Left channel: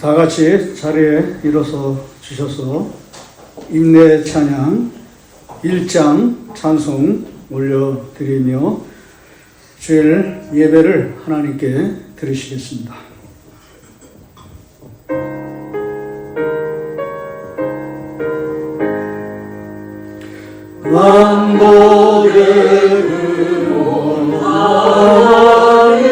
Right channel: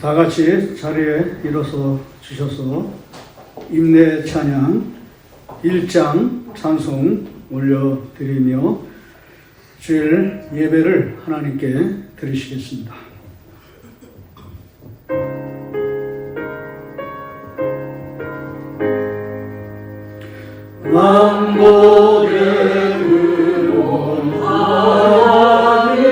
다 같이 자리에 일어서 주셔서 임내 찬양 1장 찬송 올려드리며 주일 예배를 하나님께 드리시겠습니다. 만복의 근원 하나님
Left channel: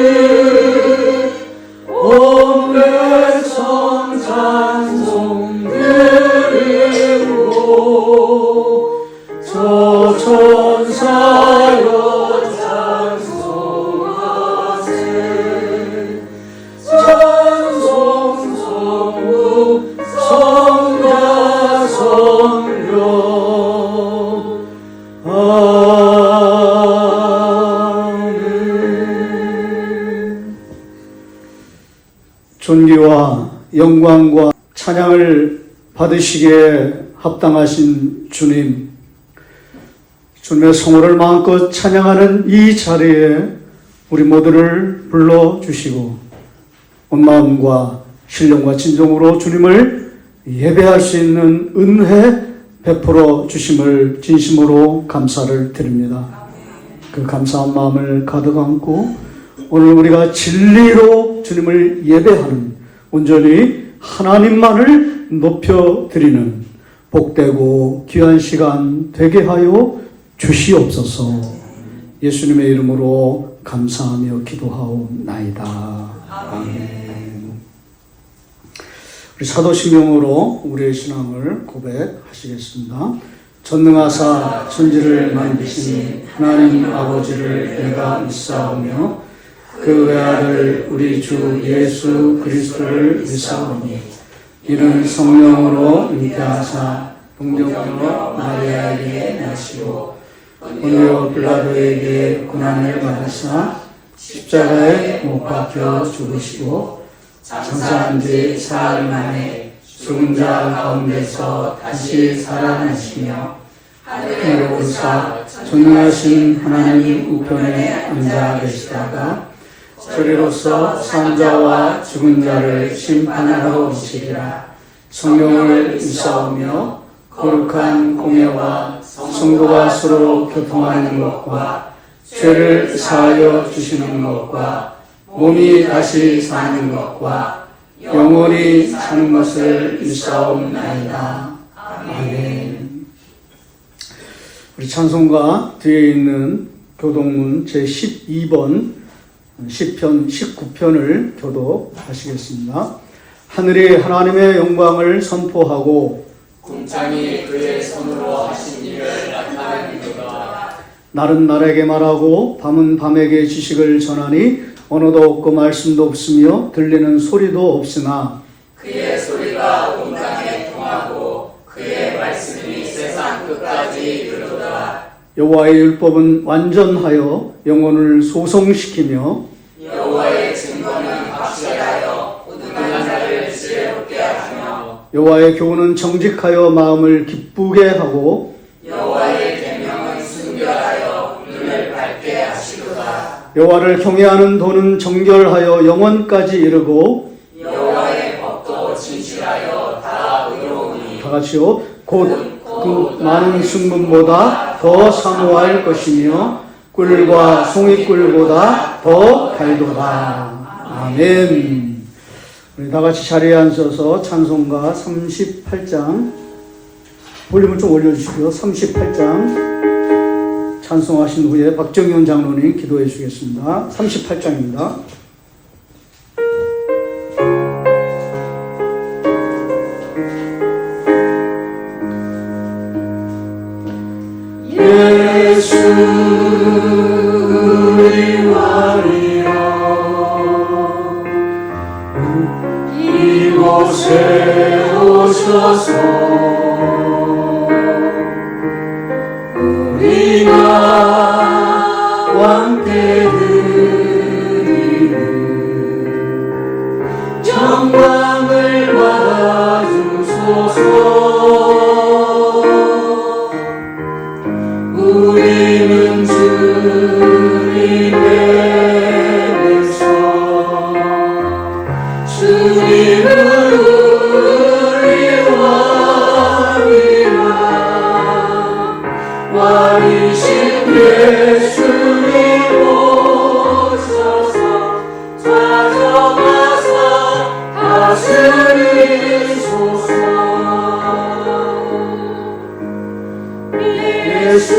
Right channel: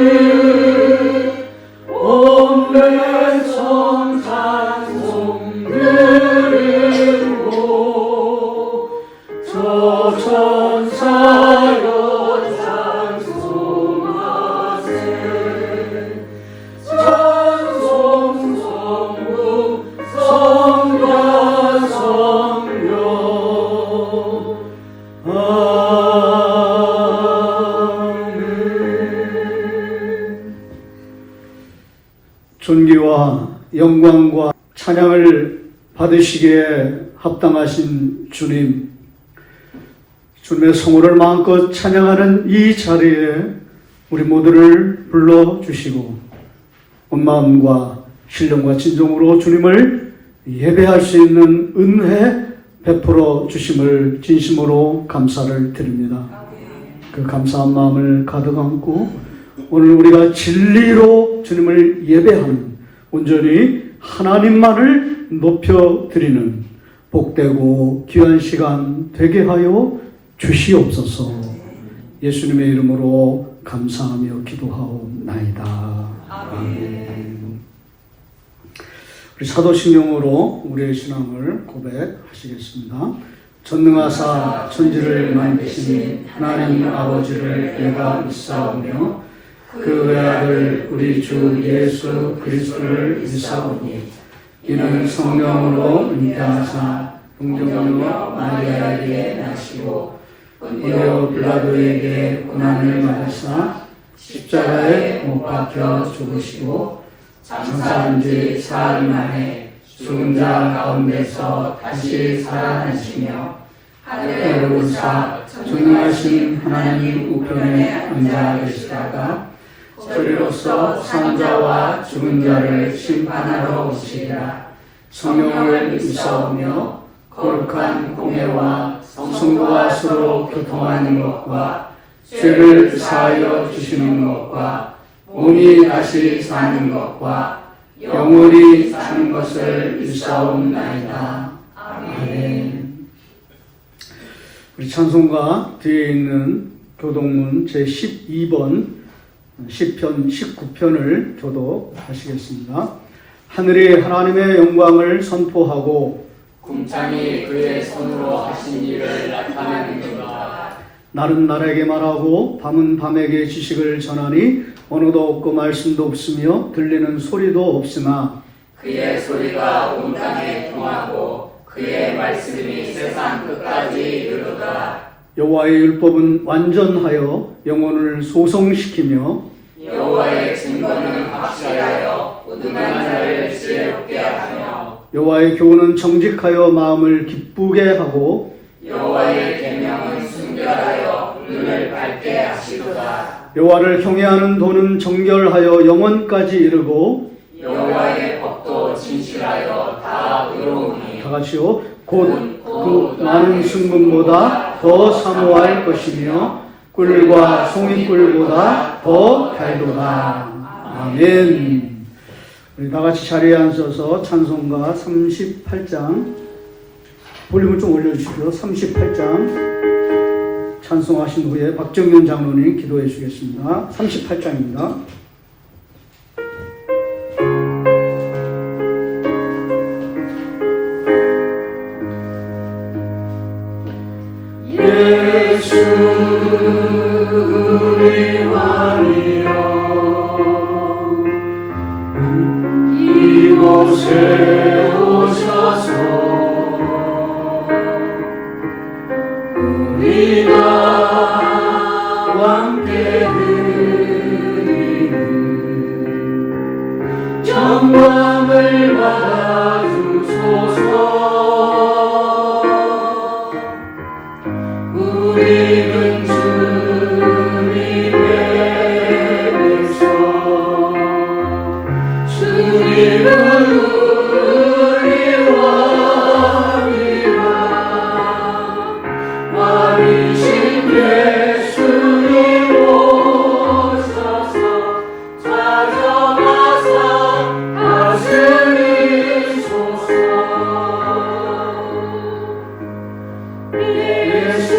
온 백성 찬송 드리고 저 천사여 찬송하세 찬송 성부 성자 성령 존귀와 영광과 찬양을 받으시기에 합당하신 주님, 주님의 성호를 마음껏 찬양하는 이 자리에 우리 모두를 불러주시고 온 마음과 신령과 진정으로 주님을 예배할 수 있는 은혜 베풀어 주심을 진심으로 감사를 드립니다. 그 감사한 마음을 가득 안고 오늘 우리가 진리로 주님을 예배하는 온전히 하나님만을 높여드리는 복되고 귀한 시간 되게 하여 주시옵소서. 예수님의 이름으로 감사하며 기도하옵나이다. 아멘. 우리 사도신경으로 우리의 신앙을 고백하시겠습니다. 전능하사 천지를 만드신 하나님 아버지를 내가 믿사오며 그 외아들 우리 주 예수 그리스도를 믿사오니 이는 성령으로 잉태하사 동정녀 마리아에게 나시고 본디오 빌라도에게 고난을 받으시나 십자가에 못 박혀 죽으시고 장사한 지 사흘 만에 죽은 자 가운데서 다시 살아나시며 하늘에 오르사 존귀하신 하나님 우편에 앉아 계시다가 저리로서 산자와 죽은 자를 심판하러 오시리라. 성령을 믿사오며 거룩한 공예와 성도가 서로 교통하는 것과 죄를 사하여 주시는 것과 몸이 다시 사는 것과 영원히 사는 것을 믿사옵나이다. 아멘. 우리 찬송가 뒤에 있는 교독문 제12번 시편 19편을 교독하시겠습니다. 하늘이 하나님의 영광을 선포하고 궁창이 그의 손으로 하신 일을 나타내리로다. 날은 날에게 말하고 밤은 밤에게 지식을 전하니 언어도 없고 말씀도 없으며 들리는 소리도 없으나 그의 소리가 온 땅에 통하고 그의 말씀이 세상 끝까지 이르도다. 여호와의 율법은 완전하여 영혼을 소성시키며 여호와의 증거는 확실하여 무능한 자를 지혜롭게 하며 여호와의 교훈은 정직하여 마음을 기쁘게 하고 여호와의 계명은 순결하여 눈을 밝게 하시도다. 여호와를 경외하는 도는 정결하여 영원까지 이르고 여호와의 법도 진실하여 다 의로우니 다 같이요. 곧 많은 순금보다 더 사모할 것이며 꿀과 송이꿀보다 더 달도다. 아멘. 우리 다 같이 자리에 앉아서 찬송가 38장 볼륨을 좀 올려주시고요. 38장 찬송하신 후에 박정현 장로님 기도해 주시겠습니다. 38장입니다. 예수 우리 왕이여 이곳에 오셔서 우리가 왕께 드리는 영광을 받아주소서. 우리는 주님의 백성 주님 왕이신 예수님 오셔서 찾아와서 다스리소서. 예수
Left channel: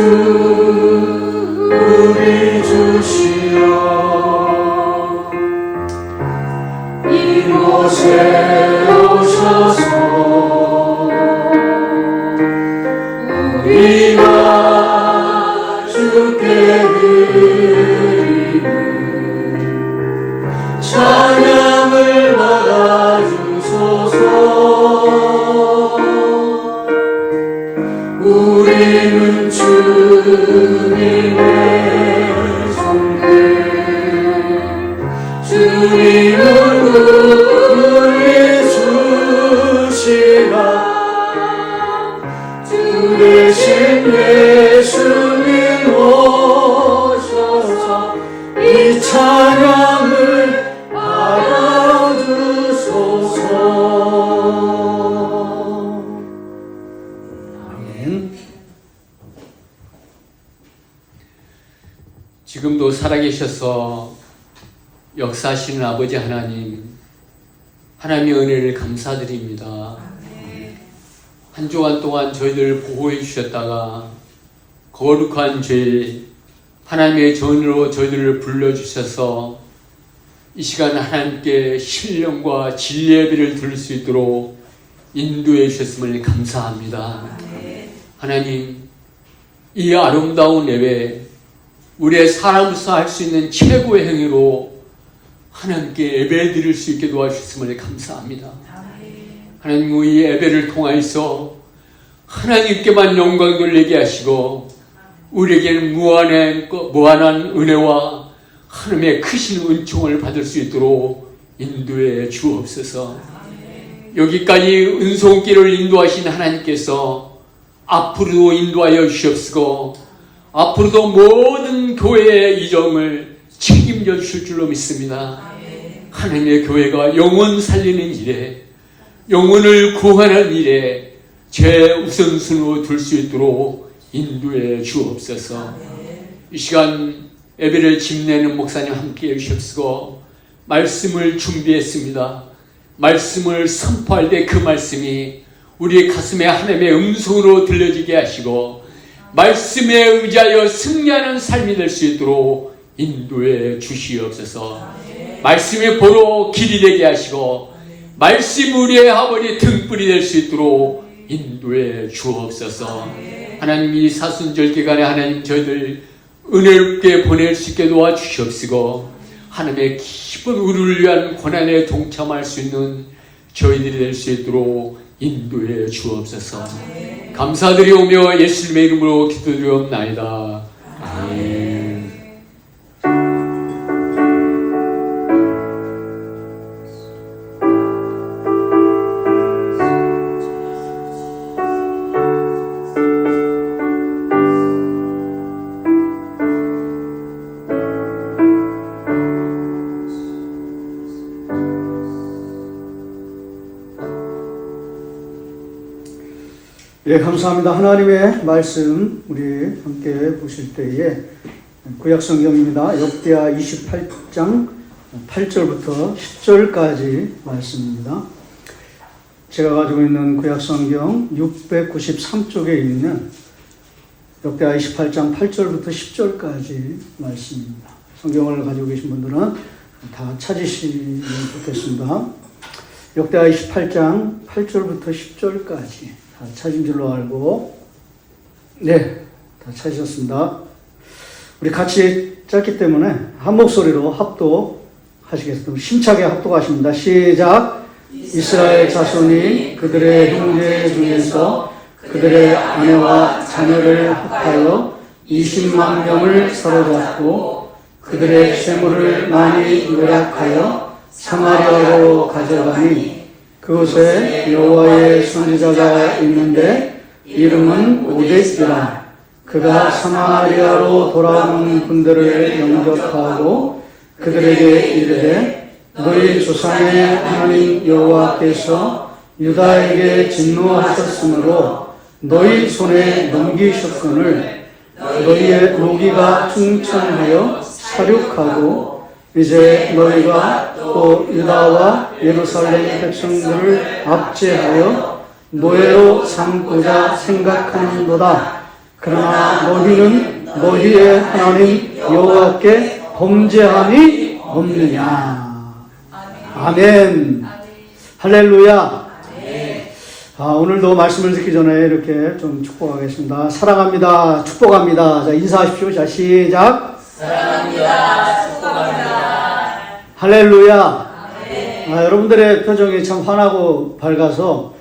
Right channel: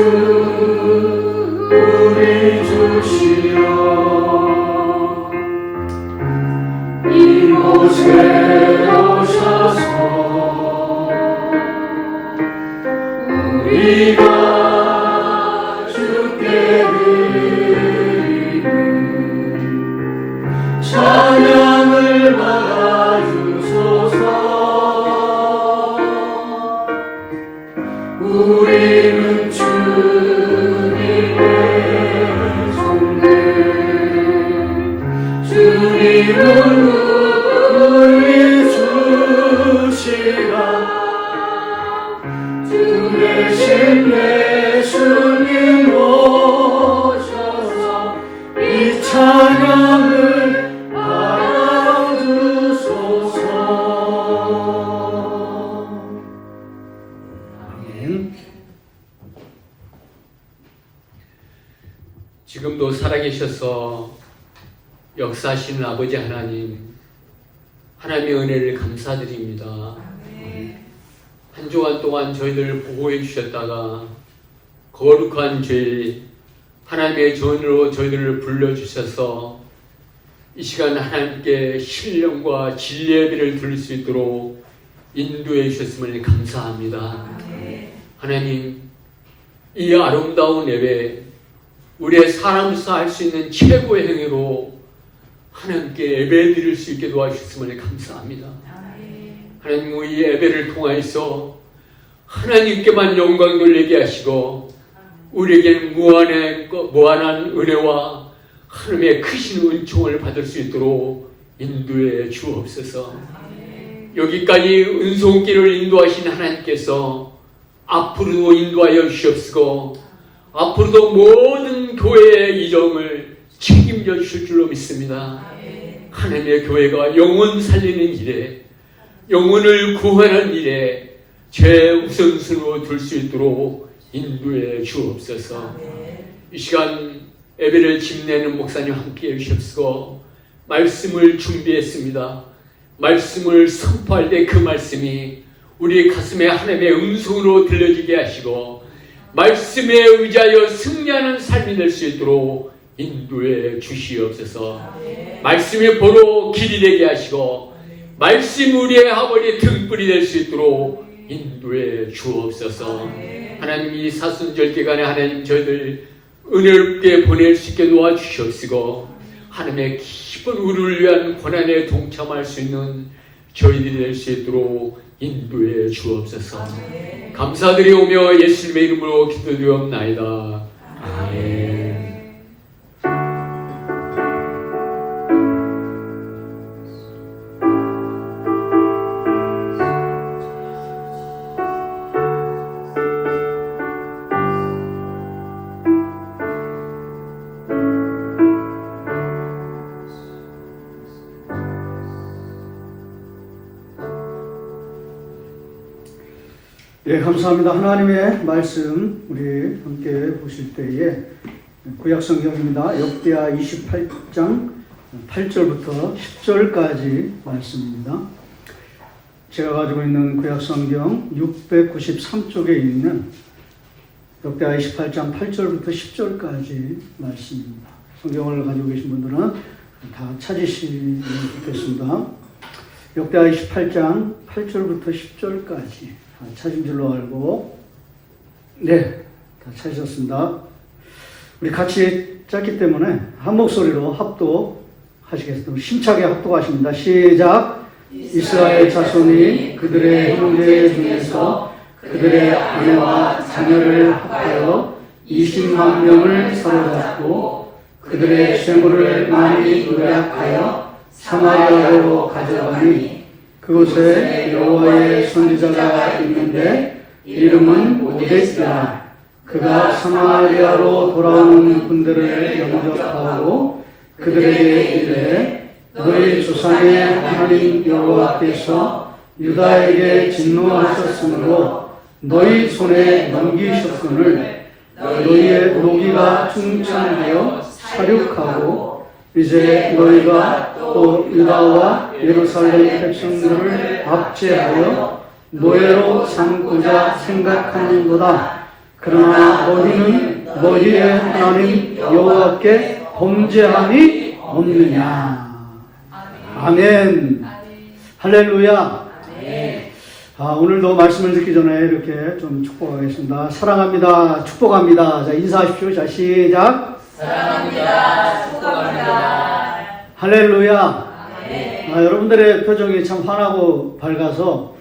우리 주시여 이곳에 오셔서 우리가 주께 드리는 찬양을 받아주소서. 우리는 주님의 손들 주님은 우리 주시라. 주 대신 예수님 오셔서 이 찬양을 받아주소서. 아멘. 지금도 살아계셔서 역사하시는 아버지 하나님, 하나님의 은혜를 감사드립니다. 한 주간 동안 저희들을 보호해 주셨다가 거룩한 죄, 하나님의 전으로 저희들을 불러주셔서 이 시간 하나님께 신령과 진리의 예배를 드릴 수 있도록 인도해 주셨음을 감사합니다. 하나님, 이 아름다운 예배, 우리의 사람으로서 할 수 있는 최고의 행위로 하나님께 예배 드릴 수 있게 도와주셨음을 감사합니다. 하나님, 이 예배를 통하여서 하나님께만 영광 돌리게 하시고 우리에게는 무한한 은혜와 하나님의 크신 은총을 받을 수 있도록 인도해 주옵소서. 여기까지 은총길을 인도하신 하나님께서 앞으로도 인도하여 주시옵시고 앞으로도 모든 교회의 이정을 책임져 주실 줄로 믿습니다. 하나님의 교회가 영혼 살리는 일에, 영혼을 구하는 일에 최우선순위로 둘 수 있도록 인도해 주옵소서. 이 시간 예배를 집내는 목사님 함께해 주시옵시고 말씀을 준비했습니다. 말씀을 선포할 때 그 말씀이 우리 가슴에 하나님의 음성으로 들려지게 하시고 말씀에 의지하여 승리하는 삶이 될 수 있도록 인도해 주시옵소서. 말씀의 보로 길이 되게 하시고 말씀 우리의 아버지 등불이 될 수 있도록 인도해 주옵소서. 하나님, 이 사순절 기간에 하나님 저희들 은혜롭게 보낼 수 있게 도와주시옵시고 하나님의 깊은 우리를 위한 고난에 동참할 수 있는 저희들이 될 수 있도록 인도해 주옵소서. 감사드리오며 예수님의 이름으로 기도드리옵나이다. 아멘. 예, 감사합니다. 하나님의 말씀 우리 함께 보실 때에 구약성경입니다. 역대하 28장 8절부터 10절까지 말씀입니다. 제가 가지고 있는 구약성경 693쪽에 있는 역대하 28장 8절부터 10절까지 말씀입니다. 성경을 가지고 계신 분들은 다 찾으시면 좋겠습니다. 역대하 28장 8절부터 10절까지 다 찾은 줄로 알고, 네, 다 찾으셨습니다. 우리 같이 짧기 때문에 한 목소리로 합독하시겠습니다. 힘차게 합독하십니다. 시작. 이스라엘 자손이 그들의 형제 중에서 그들의 아내와 자녀를 합하여 20만 명을 사로잡고 그들의 재물을 많이 요약하여 사마리아로 가져가니 그곳에 여호와의 선지자가 있는데 이름은 오데스야. 그가 사마리아로 돌아오는 군대를 영접하고 그들에게 이르되 너희 조상의 하나님 여호와께서 유다에게 진노하셨으므로 너희 손에 넘기셨거늘 너희의 무기가 충천하여 사륙하고 이제 너희가 또 유다와 예루살렘 백성들을 압제하여 노예로 삼고자 생각하는도다. 그러나 너희는 너희의 하나님 여호와께 범죄함이 없느냐. 아멘. 할렐루야. 오늘도 말씀을 듣기 전에 이렇게 좀 축복하겠습니다. 사랑합니다. 축복합니다. 자, 인사하십시오. 자, 시작. 사랑합니다. 축복합니다. 할렐루야. 여러분들의 표정이 참 환하고 밝아서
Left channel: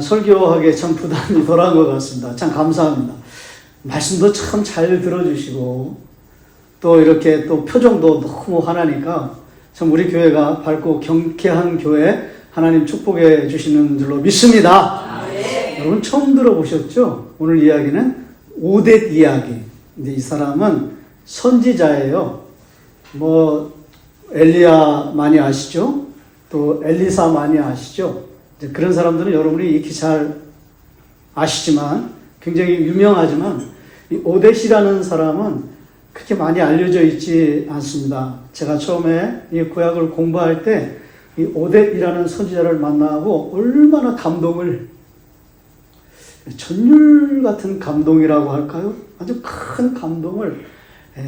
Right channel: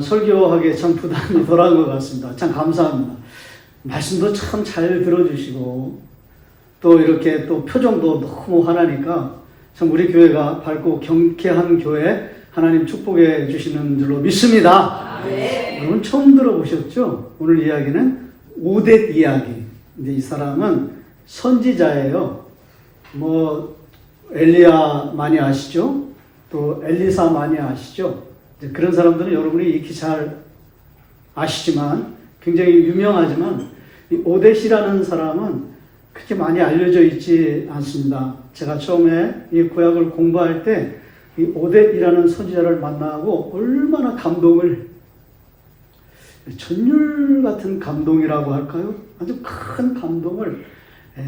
설교하기에 참 부담이 덜한 것 같습니다. 참 감사합니다. 말씀도 참 잘 들어주시고 또 이렇게 또 표정도 너무 환하니까 참 우리 교회가 밝고 경쾌한 교회 하나님 축복해 주시는 줄로 믿습니다. 여러분 처음 들어보셨죠? 오늘 이야기는 오뎃 이야기. 근데 이 사람은 선지자예요. 뭐 엘리야 많이 아시죠? 또 엘리사 많이 아시죠? 그런 사람들은 여러분이 익히 잘 아시지만 굉장히 유명하지만 이 오뎃이라는 사람은 그렇게 많이 알려져 있지 않습니다. 제가 처음에 이 구약을 공부할 때 이 오뎃이라는 선지자를 만나고 얼마나 감동을, 전율 같은 감동이라고 할까요? 아주 큰 감동을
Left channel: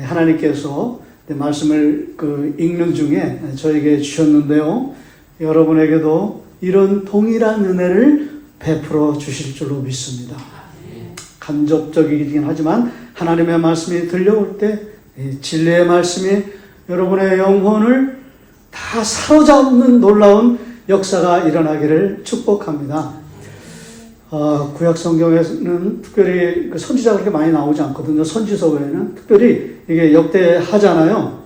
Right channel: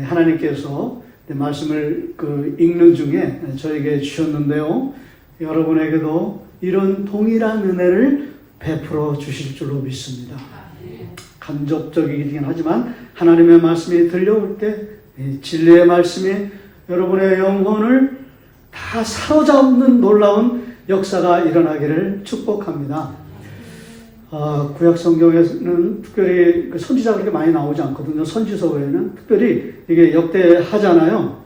하나님께서 말씀을 읽는 중에 저에게 주셨는데요. 여러분에게도 이런 동일한 은혜를 베풀어 주실 줄로 믿습니다. 간접적이긴 하지만 하나님의 말씀이 들려올 때 진리의 말씀이 여러분의 영혼을 다 사로잡는 놀라운 역사가 일어나기를 축복합니다. 구약 성경에는 특별히 선지자가 그렇게 많이 나오지 않거든요. 선지서 외에는 특별히 이게 역대하잖아요.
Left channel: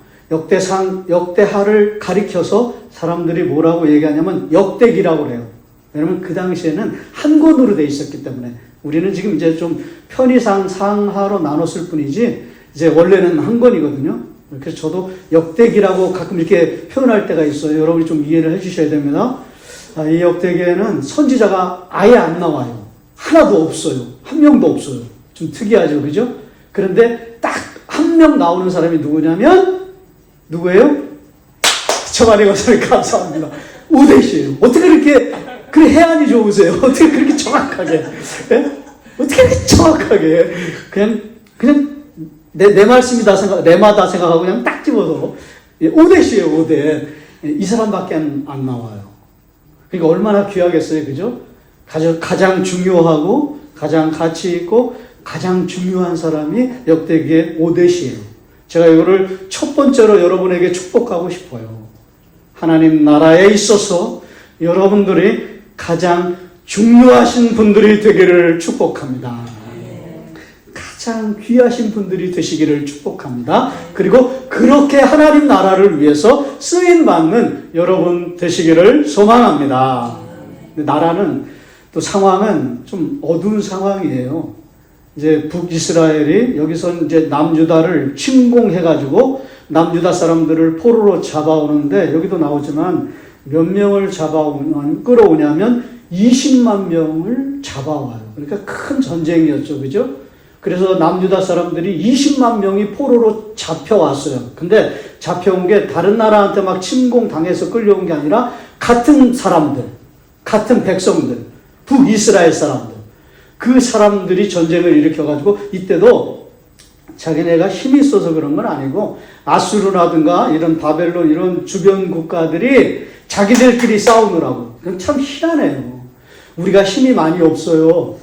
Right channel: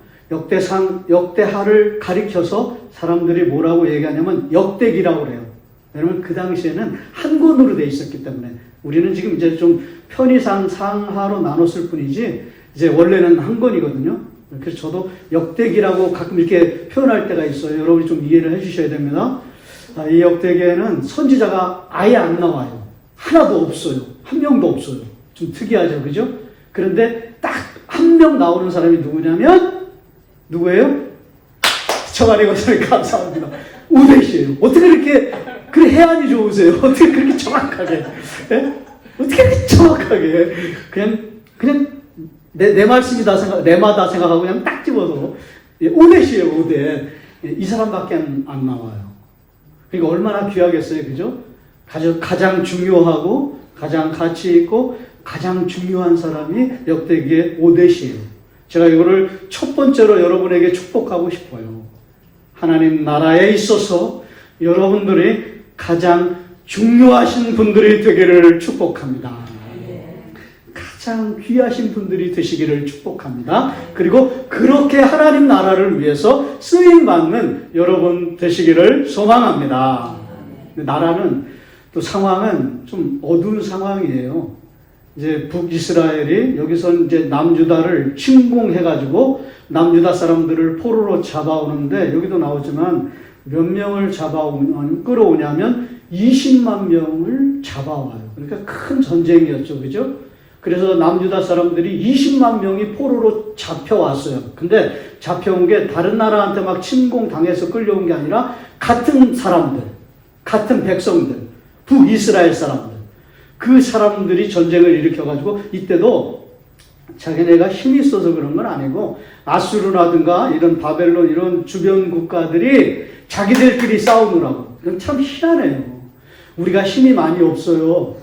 역대하를 가리켜서 사람들이 뭐라고 얘기하냐면 역대기라고 그래요. 왜냐면 그 당시에는 한 권으로 돼 있었기 때문에 우리는 지금 이제 좀 편의상 상하로 나눴을 뿐이지 이제 원래는 한 권이거든요. 그래서 저도 역대기라고 가끔 이렇게 표현할 때가 있어요. 여러분이 좀 이해를 해주셔야 됩니다. 이 역대기에는 선지자가 아예 안 나와요. 하나도 없어요. 한 명도 없어요. 좀 특이하죠, 그죠? 그런데 딱 한 명 나오는 사람이 누구냐면 누구예요? 저만의 것을 감사합니다. 오뎃이에요. 어떻게 이렇게 그 해안이 좋으세요? 어떻게 그렇게 정확하게? 네? 어떻게 그렇게 정확하게? 그냥 내 말씀이다 내마다 생각하고 그냥 딱 집어서 오뎃이에요, 오뎃. 이 사람밖에 안 나와요. 그러니까 얼마나 귀하겠어요, 그죠? 가장 중요하고 가장 가치 있고 가장 중요한 사람이 역대기의 오뎃이에요. 제가 이거를 첫 번째로 여러분에게 축복하고 싶어요. 하나님 나라에 있어서 여러분들이 가장 중요하신 분들이 되기를 축복합니다. 가장 귀하신 분들이 되시기를 축복합니다. 그리고 그렇게 하나님 나라를 위해서 쓰임받는 여러분 되시기를 소망합니다. 나라는 또 상황은 좀 어두운 상황이에요. 이제 북이스라엘이 여기서 이제 남유다를 침공해가지고 남유다 사람들을 포로로 잡아오는데 여기도 나오지만 몇 명을 끌어오냐면 20만 명을 잡아와요. 그러니까 큰 전쟁이었죠. 그죠? 그래서 남유다 사람들이 20만 명이 포로로 잡혀왔어요. 근데 잡혀온 게 다른 나라한테 막 침공당해서 끌려온 게 아니라 같은 사람들, 같은 백성들, 북이스라엘 사람들, 그 사람들이 전쟁을 일으켜가지고 이때도 자기네가 힘이 있어서 그런 건 아니고 아수르라든가 이런 바벨론 이런 주변 국가들이 자기들끼리 싸우느라고. 참 희한해요. 우리가 힘이 많이 없어요.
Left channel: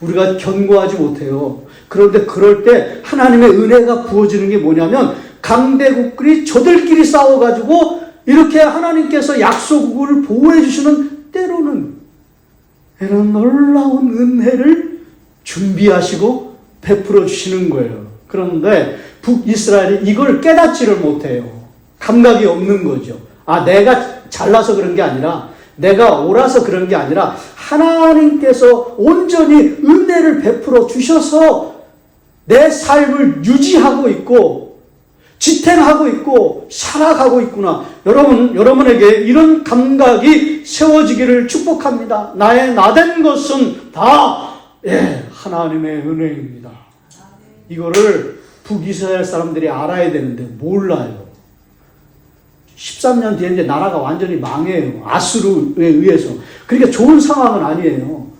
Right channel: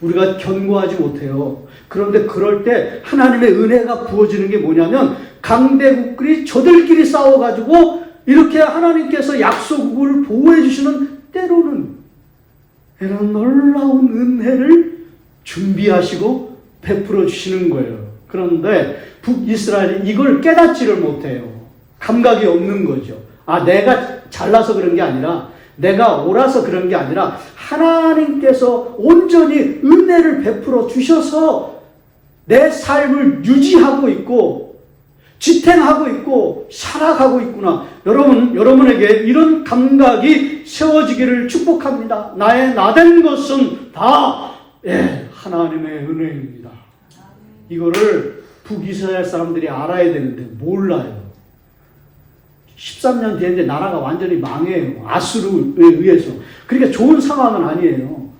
우리가 견고하지 못해요. 그런데 그럴 때 하나님의 은혜가 부어지는 게 뭐냐면 강대국들이 저들끼리 싸워가지고 이렇게 하나님께서 약소국을 보호해 주시는 때로는 이런 놀라운 은혜를 준비하시고 베풀어 주시는 거예요. 그런데 북이스라엘이 이걸 깨닫지를 못해요. 감각이 없는 거죠. 내가 잘나서 그런 게 아니라 내가 옳아서 그런 게 아니라 하나님께서 온전히 은혜를 베풀어 주셔서 내 삶을 유지하고 있고 지탱하고 있고 살아가고 있구나. 여러분에게 이런 감각이 세워지기를 축복합니다. 나의 나된 것은 다 하나님의 은혜입니다. 이거를 북이스라엘 사람들이 알아야 되는데 몰라요. 13년 뒤에 이제 나라가 완전히 망해요. 아수르에 의해서. 그러니까 좋은 상황은 아니에요.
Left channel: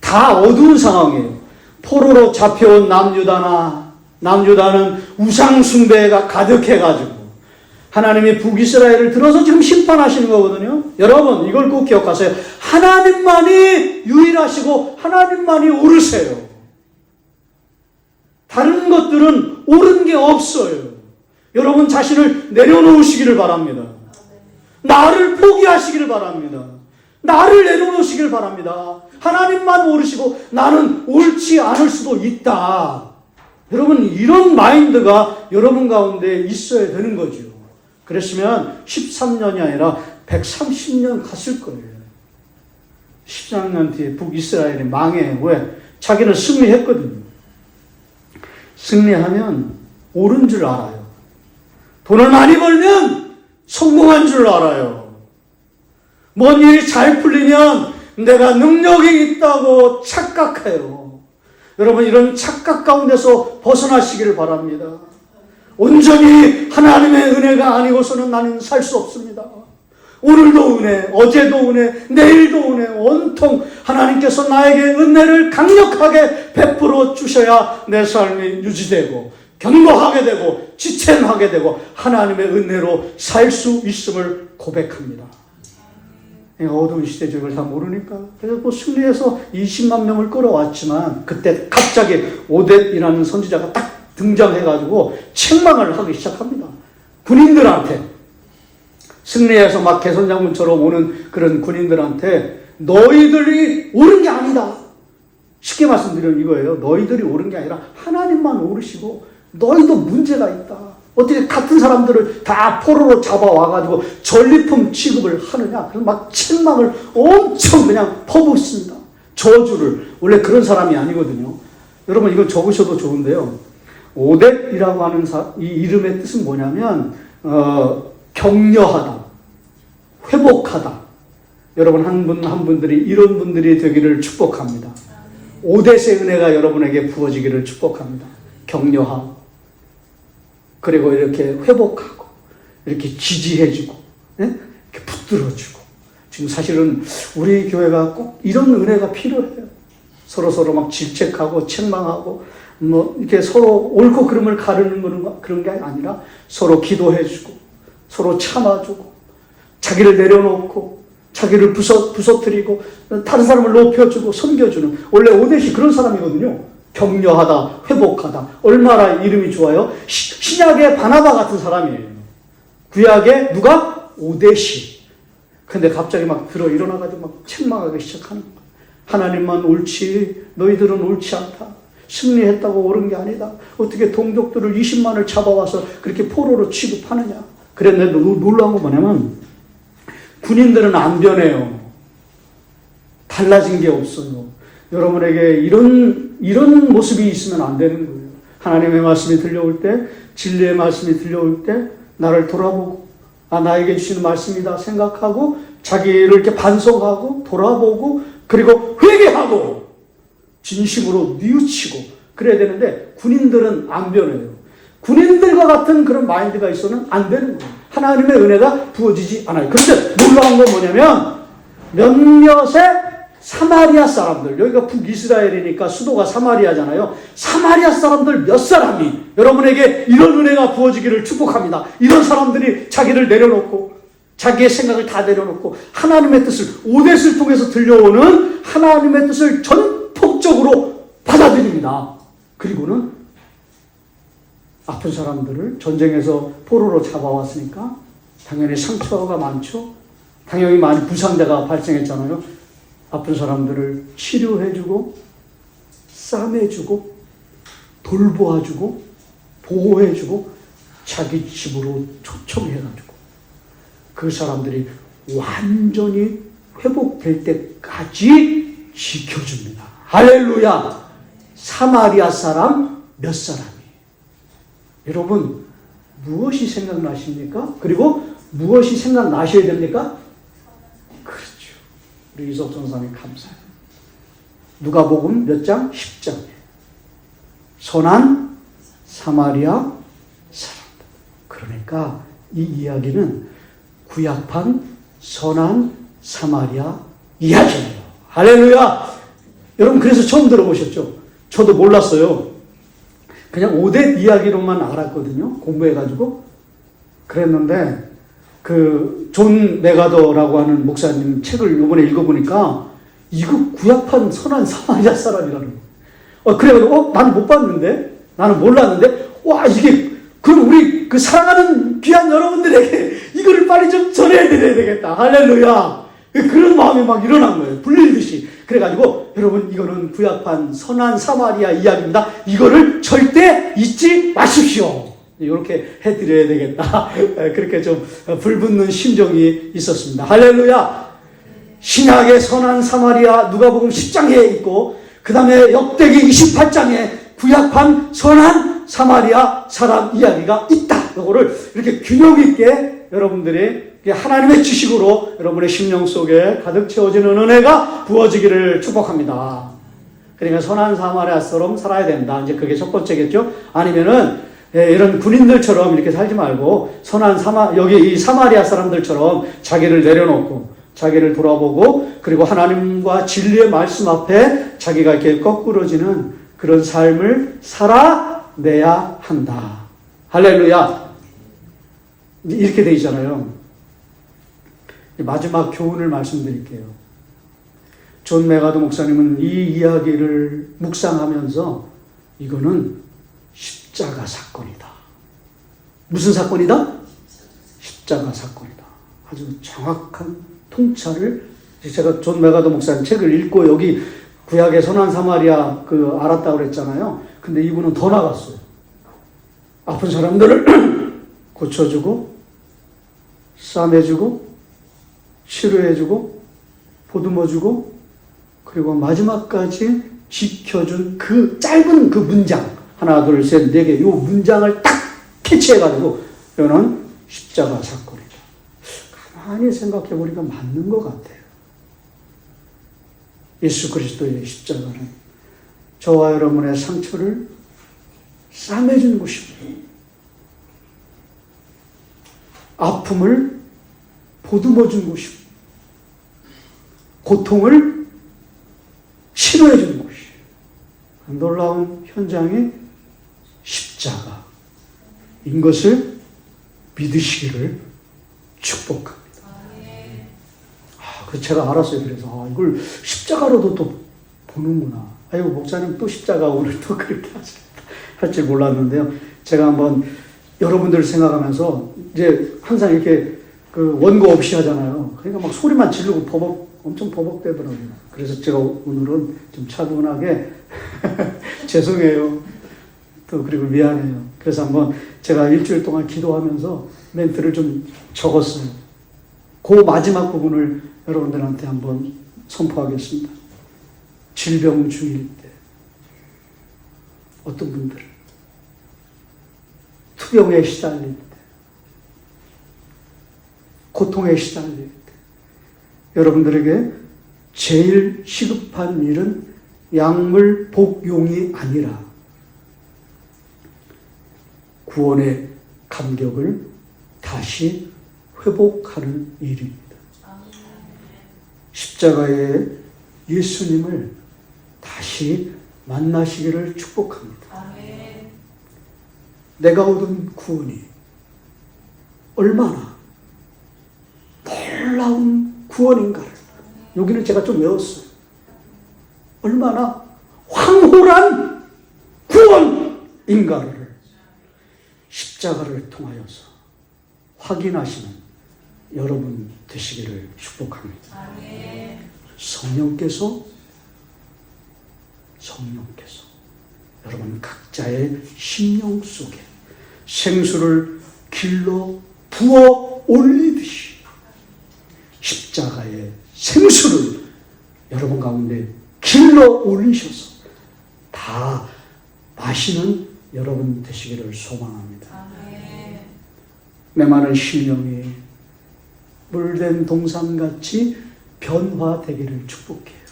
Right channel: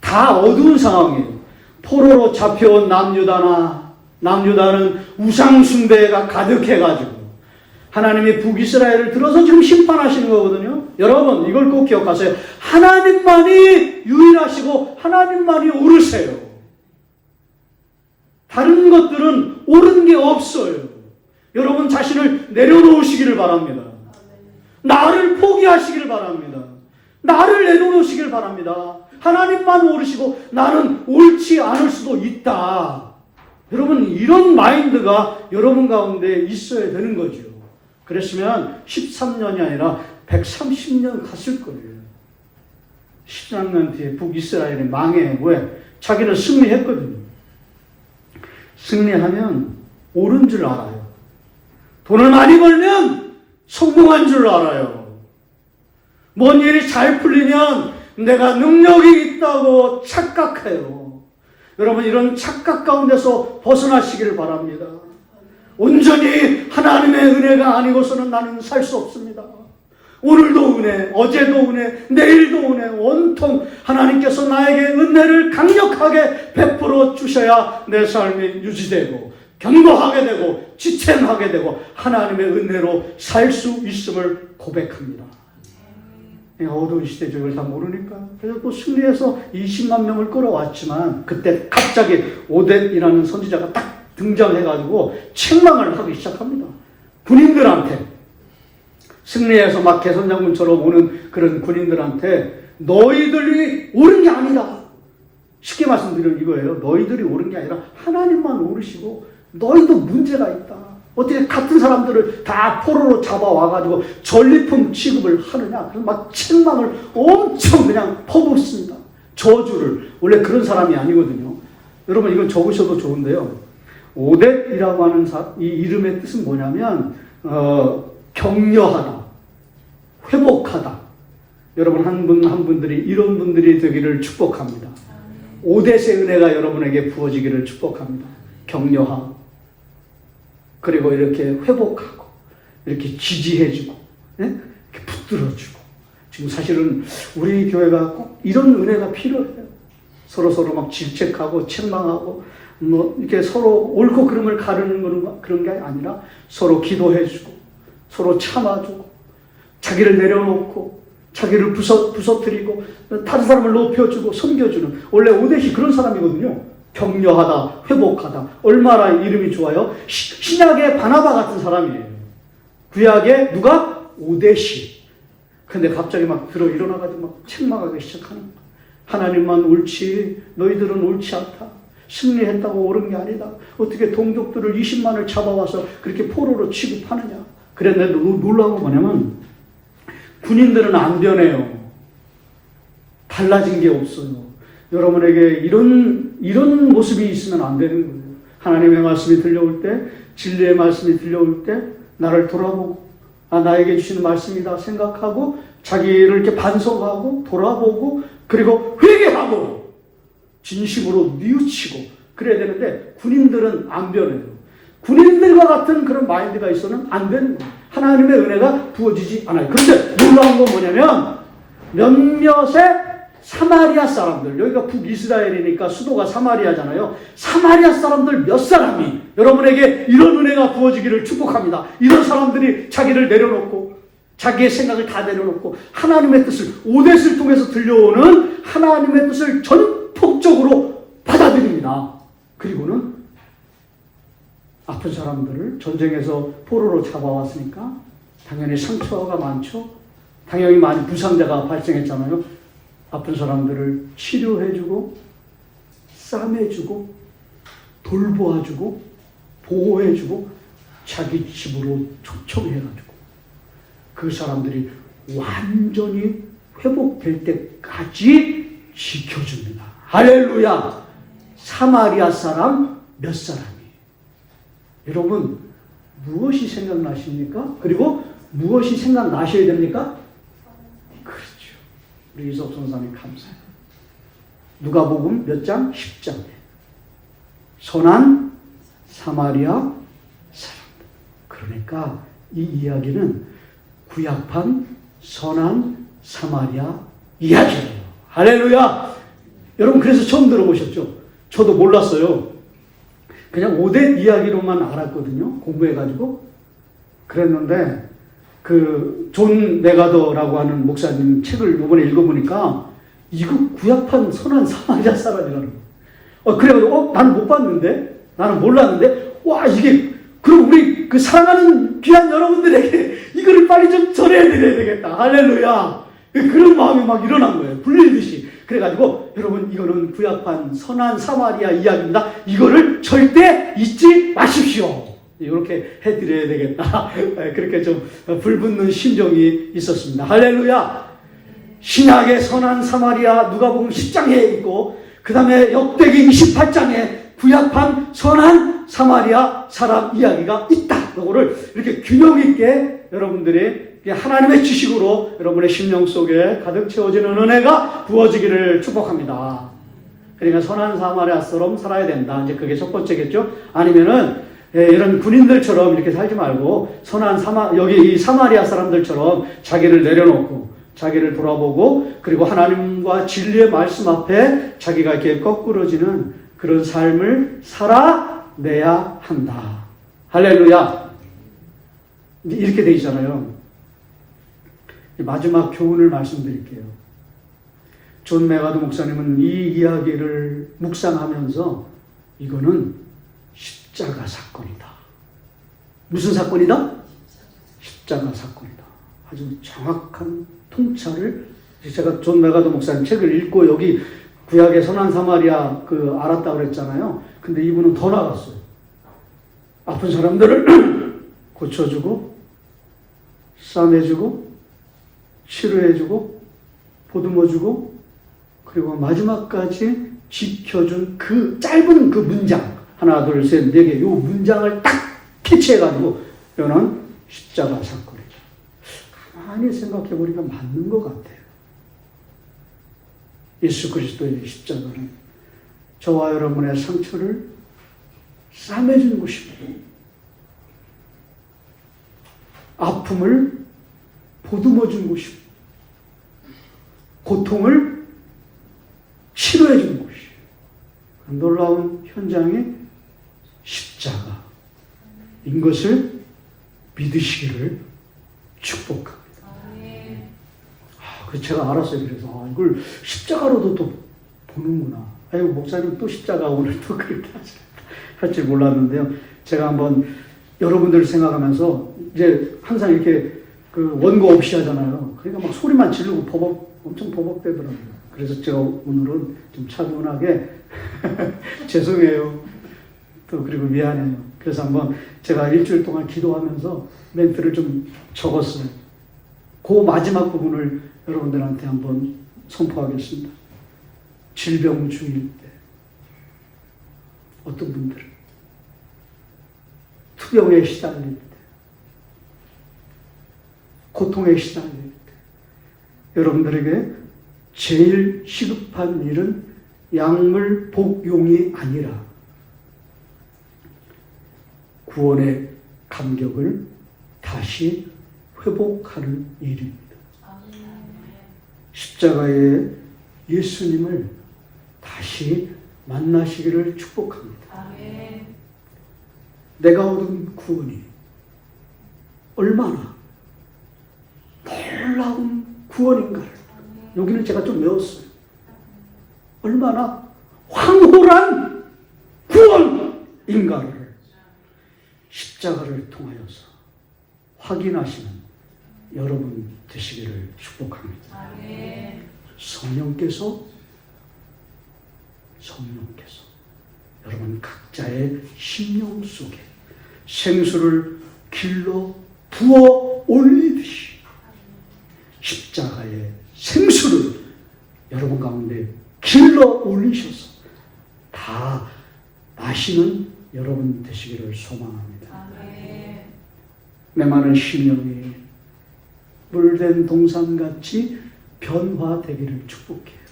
다 어두운 상황이에요. 포로로 잡혀온 남유다는 우상숭배가 가득해가지고 하나님이 북이스라엘을 들어서 지금 심판하시는 거거든요. 여러분 이걸 꼭 기억하세요. 하나님만이 유일하시고 하나님만이 옳으세요. 다른 것들은 옳은 게 없어요. 여러분 자신을 내려놓으시기를 바랍니다. 나를 포기하시기를 바랍니다. 나를 내려놓으시기를 바랍니다. 하나님만 옳으시고 나는 옳지 않을 수도 있다. 여러분 이런 마인드가 여러분 가운데 있어야 되는 거죠. 그랬으면 13년이 아니라 130년 갔을 거예요. 13년 뒤에 북이스라엘이 망해. 왜? 자기는 승리했거든요. 승리하면 옳은 줄 알아요. 돈을 많이 벌면 성공한 줄 알아요. 뭔 일이 잘 풀리면 내가 능력이 있다고 착각해요. 여러분 이런 착각 가운데서 벗어나시기를 바랍니다. 온전히 하나님의 은혜가 아니고서는 나는 살 수 없습니다. 오늘도 은혜, 어제도 은혜, 내일도 은혜, 온통 하나님께서 나에게 은혜를 강력하게 베풀어 주셔야 내 삶이 유지되고 견고하게 되고 지탱하게 되고 하나님의 은혜로 살 수 있음을 고백합니다. 어두운 시대죠. 이걸 다 모르니까. 그래서 또 승리해서 20만 명을 끌어왔지만 그때 갑자기 오뎃이라는 선지자가 딱 등장해가지고 책망을 하기 시작합니다. 군인들한테. 승리해서 막 개선장군처럼 오는 그런 군인들한테 너희들이 옳은 게 아니다. 쉽게 말씀드리면 이거예요. 너희들이 옳은 게 아니라 하나님만 옳으시고 너희도 문제가 있다. 어떻게 같은 사람들을 다 포로로 잡아와가지고 전리품 취급을 하느냐. 그래서 막 책망을 엄청 그냥 퍼붓습니다. 저주를. 원래 그런 사람이 아니거든요. 여러분 이거 적으셔도 좋은데요. 오뎃이라고 하는 이 이름의 뜻은 뭐냐면 격려하다, 회복하다. 여러분 한 분들이 이런 분들이 되기를 축복합니다. 오뎃의 은혜가 여러분에게 부어지기를 축복합니다. 격려하고 그리고 이렇게 회복하고 이렇게 지지해주고 이렇게 붙들어주고. 지금 사실은 우리 교회가 꼭 이런 은혜가 필요해요. 서로 막 질책하고 책망하고 뭐 이렇게 서로 옳고 그름을 가르는 그런 게 아니라 서로 기도해주고 서로 참아주고 자기를 내려놓고 자기를 부서뜨리고 다른 사람을 높여주고 섬겨주는. 원래 오뎃이 그런 사람이거든요. 격려하다, 회복하다. 얼마나 이름이 좋아요? 신약의 바나바 같은 사람이에요. 구약의 누가? 오뎃이. 근데 갑자기 막 일어나가지고 막 책망하기 시작하는 거예요. 하나님만 옳지, 너희들은 옳지 않다. 승리했다고 옳은 게 아니다. 어떻게 동족들을 20만을 잡아와서 그렇게 포로로 취급하느냐. 그런데 놀라운 거 뭐냐면 군인들은 안 변해요. 달라진 게 없어요. 여러분에게 이런 모습이 있으면 안 되는 거예요. 하나님의 말씀이 들려올 때, 진리의 말씀이 들려올 때 나를 돌아보고 나에게 주시는 말씀이다 생각하고 자기를 이렇게 반성하고 돌아보고 그리고 회개하고 진심으로 뉘우치고 그래야 되는데 군인들은 안 변해요. 군인들과 같은 그런 마인드가 있어서는 안 되는 거예요. 하나님의 은혜가 부어지지 않아요. 그런데 놀라운 건 뭐냐면 몇몇의 사마리아 사람들, 여기가 북이스라엘이니까 수도가 사마리아잖아요. 사마리아 사람들 몇 사람이 여러분에게 이런 은혜가 부어지기를 축복합니다. 이런 사람들이 자기를 내려놓고 자기의 생각을 다 내려놓고 하나님의 뜻을, 오뎃을 통해서 들려오는 하나님의 뜻을 전폭적으로 받아들입니다. 그리고는 아픈 사람들을 전쟁에서 포로로 잡아왔으니까 당연히 상처가 많죠. 당연히 많은 부상자가 발생했잖아요. 아픈 사람들을 치료해주고 싸매주고 돌보아주고 보호해주고 자기 집으로 초청해가지고 그 사람들이 완전히 회복될 때까지 지켜줍니다. 할렐루야. 사마리아 사람 몇 사람이. 여러분 무엇이 생각나십니까? 그리고 무엇이 생각나셔야 됩니까? 그렇죠. 우리 이석 선생님 감사해요. 누가복음 몇 장? 10장. 선한 사마리아 사람. 그러니까 이 이야기는 구약판 선한 사마리아 이야기예요. 할렐루야! 여러분 그래서 처음 들어보셨죠? 저도 몰랐어요. 그냥 오뎃 이야기로만 알았거든요. 공부해가지고. 그랬는데 그 존 메가더라고 하는 목사님 책을 이번에 읽어보니까 이거 구약판 선한 사마리아 사람이라는 거. 그래가지고 나는 못 봤는데 나는 몰랐는데 와 이게 그럼 우리 그 사랑하는 귀한 여러분들에게 이거를 빨리 좀 전해드려야 되겠다. 할렐루야. 그런 마음이 막 일어난 거예요. 불리듯이. 그래가지고 여러분 이거는 구약판 선한 사마리아 이야기입니다. 이거를 절대 잊지 마십시오. 이렇게 해드려야 되겠다. 그렇게 좀 불붙는 심정이 있었습니다. 할렐루야. 신약의 선한 사마리아 누가복음 10장에 있고 그 다음에 역대기 28장에 구약판 선한 사마리아 사람 이야기가 있다. 이거를 이렇게 균형 있게 여러분들이 하나님의 지식으로 여러분의 심령 속에 가득 채워지는 은혜가 부어지기를 축복합니다. 그러니까 선한 사마리아처럼 살아야 된다. 이제 그게 첫 번째겠죠. 아니면은 이런 군인들처럼 이렇게 살지 말고 선한 여기 이 사마리아 사람들처럼 자기를 내려놓고 자기를 돌아보고 그리고 하나님과 진리의 말씀 앞에 자기가 이렇게 거꾸러지는 그런 삶을 살아내야 한다. 할렐루야. 이렇게 돼 있잖아요. 마지막 교훈을 말씀드릴게요. 존 메가더 목사님은 이 이야기를 묵상하면서 이거는 십자가 사건이다. 무슨 사건이다? 십자가 사건이다. 아주 정확한 통찰을 제가 존 메가더 목사님 책을 읽고 여기 구약의 선한 사마리아 알았다고 그랬잖아요. 근데 이분은 더 나갔어요. 아픈 사람들을 고쳐주고 싸매주고 치료해주고 보듬어주고 그리고 마지막까지 지켜준 그 짧은 그 문장 하나 둘 셋 네 개 요 문장을 딱 캐치해가지고 이거는 십자가 사건이다. 가만히 생각해보니까 맞는 것 같아요. 예수 그리스도의 십자가는 저와 여러분의 상처를 싸매준 곳입니다. 아픔을 보듬어준 곳입니다. 고통을 치료해준 곳이 놀라운 현장이 십자가인 것을 믿으시기를 축복합니다. 제가 알았어요. 그래서 이걸 십자가로도 또 보는구나. 아이고 목사님 또 십자가 오늘 또 그렇게 할 줄 몰랐는데요. 제가 한번 여러분들 생각하면서 이제 항상 이렇게 그 원고 없이 하잖아요. 그러니까 막 소리만 지르고 엄청 버벅대더라고요. 그래서 제가 오늘은 좀 차분하게 죄송해요. 또 그리고 미안해요. 그래서 한번 제가 일주일 동안 기도하면서 멘트를 좀 적었어요. 그 마지막 부분을 여러분들한테 한번 선포하겠습니다. 질병 중일 때 어떤 분들은 투병에 시달릴 때 고통에 시달릴 때 여러분들에게 제일 시급한 일은 약물 복용이 아니라 구원의 감격을 다시 회복하는 일입니다. 십자가의 예수님을 다시 만나시기를 축복합니다. 내가 얻은 구원이 얼마나 놀라운 구원인가를 여기는 제가 좀 외웠어요. 얼마나 황홀한 구원인가를 십자가를 통하여서 확인하시는 여러분 되시기를 축복합니다. 성령께서 여러분 각자의 심령 속에 생수를 길러 부어 올리듯이 십자가의 생수를 여러분 가운데 길러 올리셔서 다 마시는 여러분 되시기를 소망합니다. 메마른 심령이 물된 동산같이 변화되기를 축복해요.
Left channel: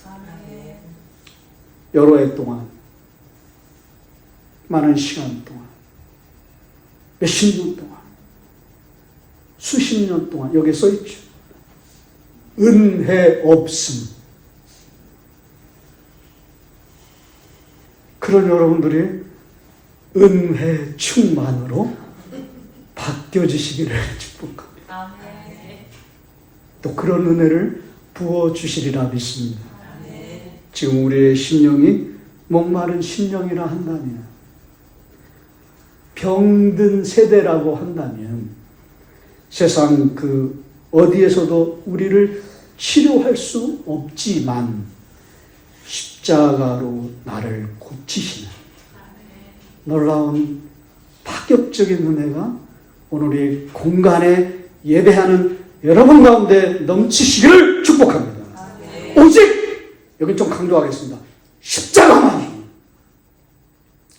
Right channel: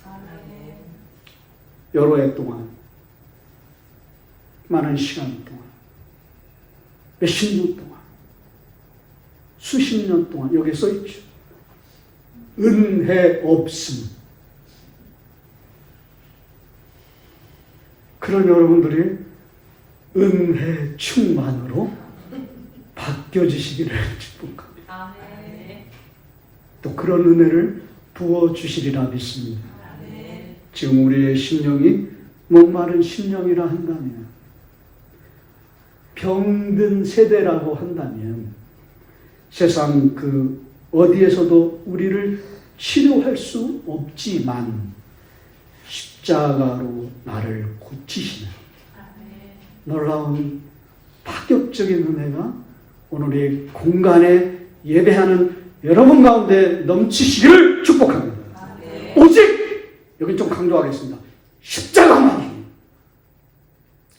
여러 해 동안, 많은 시간 동안, 몇십 년 동안, 수십 년 동안 여기 써있죠. 은혜 없음. 그런 여러분들이 은혜 충만으로 바뀌어지시기를 축복합니다. 또 그런 은혜를 부어주시리라 믿습니다. 지금 우리의 심령이 목마른 심령이라 한다면, 병든 세대라고 한다면 세상 그 어디에서도 우리를 치료할 수 없지만 십자가로 나를 고치시는 놀라운 파격적인 은혜가 오늘 이 공간에 예배하는 여러분 가운데 넘치시기를 축복합니다. 오직 여기 좀 강조하겠습니다. 십자가만이.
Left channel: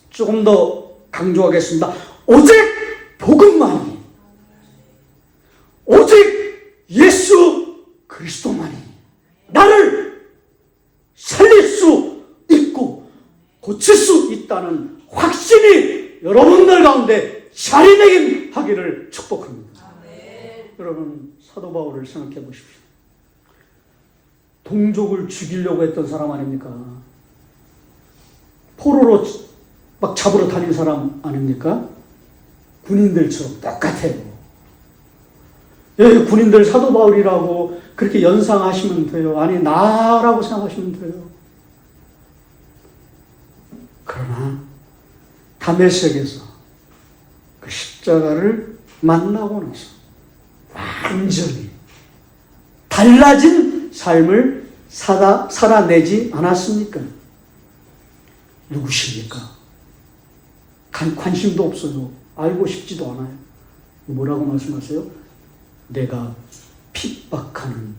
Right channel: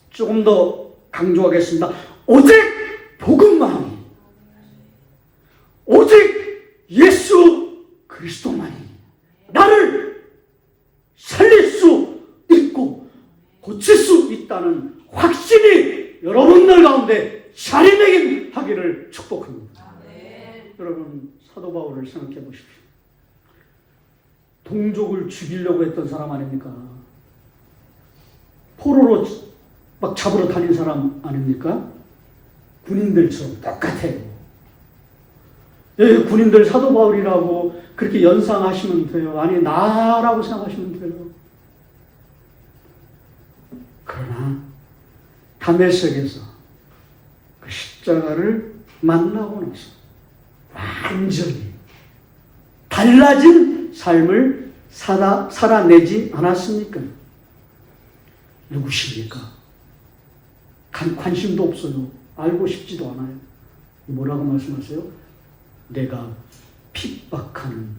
조금 더 강조하겠습니다. 오직 복음만이. 오직 예수 그리스도만이 나를 살릴 수 있고 고칠 수 있다는 확신이 여러분들 가운데 자리매김하기를 축복합니다. 여러분, 사도 바울을 생각해 보십시오. 동족을 죽이려고 했던 사람 아닙니까? 포로로 막 잡으러 다닌 사람 아닙니까? 군인들처럼 똑같아요. 예, 군인들 사도 바울이라고 그렇게 연상하시면 돼요. 아니, 나라고 생각하시면 돼요. 그러나 다메섹에서 그 십자가를 만나고 나서 완전히 달라진 삶을 살아내지 않았습니까? 누구십니까? 관심도 없어요. 알고 싶지도 않아요. 뭐라고 말씀하세요? 내가 핍박하는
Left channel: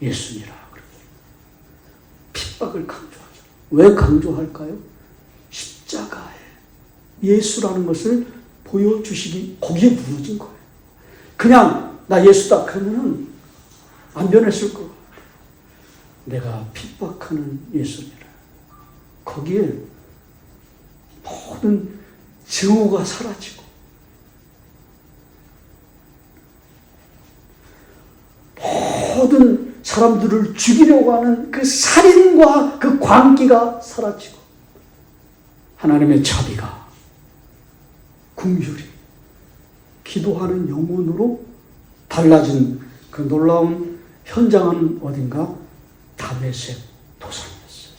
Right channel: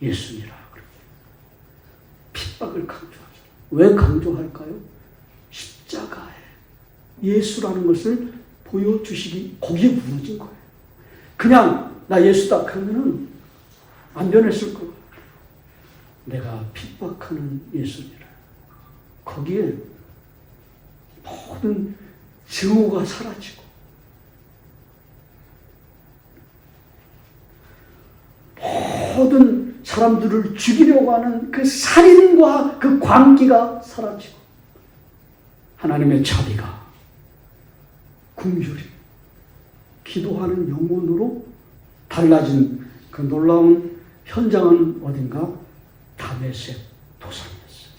예수니라. 핍박을 강조하죠. 왜 강조할까요? 십자가에 예수라는 것을 보여주시기, 거기에 무너진 거예요. 그냥 나 예수다 그러면 안 변했을 거예요. 내가 핍박하는 예수니라. 거기에 모든 증오가 사라지고 모든 사람들을 죽이려고 하는 그 살인과 그 광기가 사라지고 하나님의 자비가, 긍휼이, 기도하는 영혼으로 달라진 그 놀라운 현장은 어딘가? 다메섹 도상이었어요.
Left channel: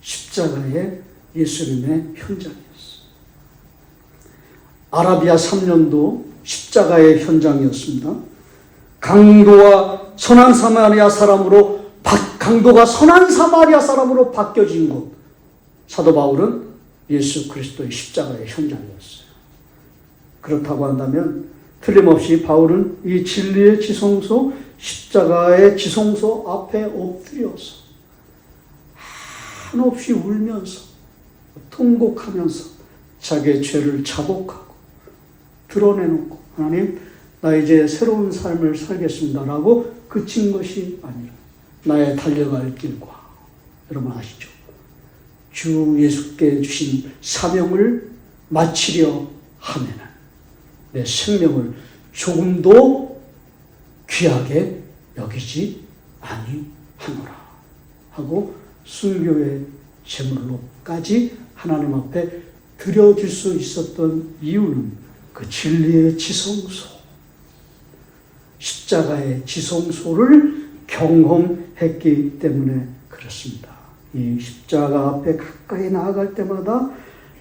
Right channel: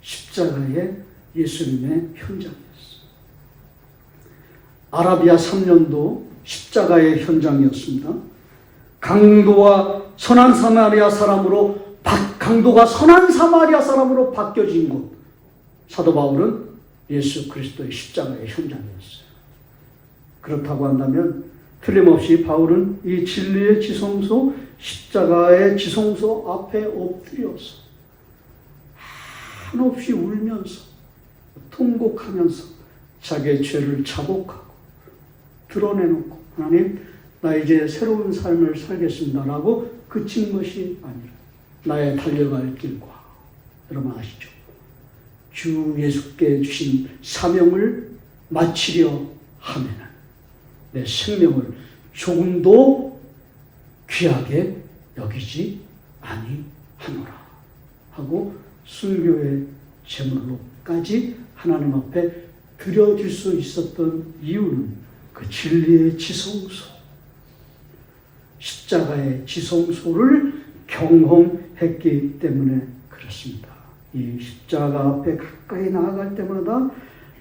십자가의 예수님의 현장이었어요. 아라비아 3년도 십자가의 현장이었습니다. 강도가 선한 사마리아 사람으로 바뀌어진 곳. 사도 바울은 예수 그리스도의 십자가의 현장이었어요. 그렇다고 한다면 틀림없이 바울은 이 진리의 지성소, 십자가의 지성소 앞에 엎드려서 한없이 울면서 통곡하면서 자기의 죄를 자복하고 드러내놓고, 하나님, 나 이제 새로운 삶을 살겠습니다라고 그친 것이 아니라 나의 달려갈 길과, 여러분 아시죠? 주 예수께 주신 사명을 마치려 하면은 내 생명을 조금도 귀하게 여기지 아니하노라 하고 순교의 제물로까지 하나님 앞에 드려줄 수 있었던 이유는 그 진리의 지성소, 십자가의 지성소를 경험했기 때문에 그렇습니다. 이 십자가 앞에 가까이 나아갈 때마다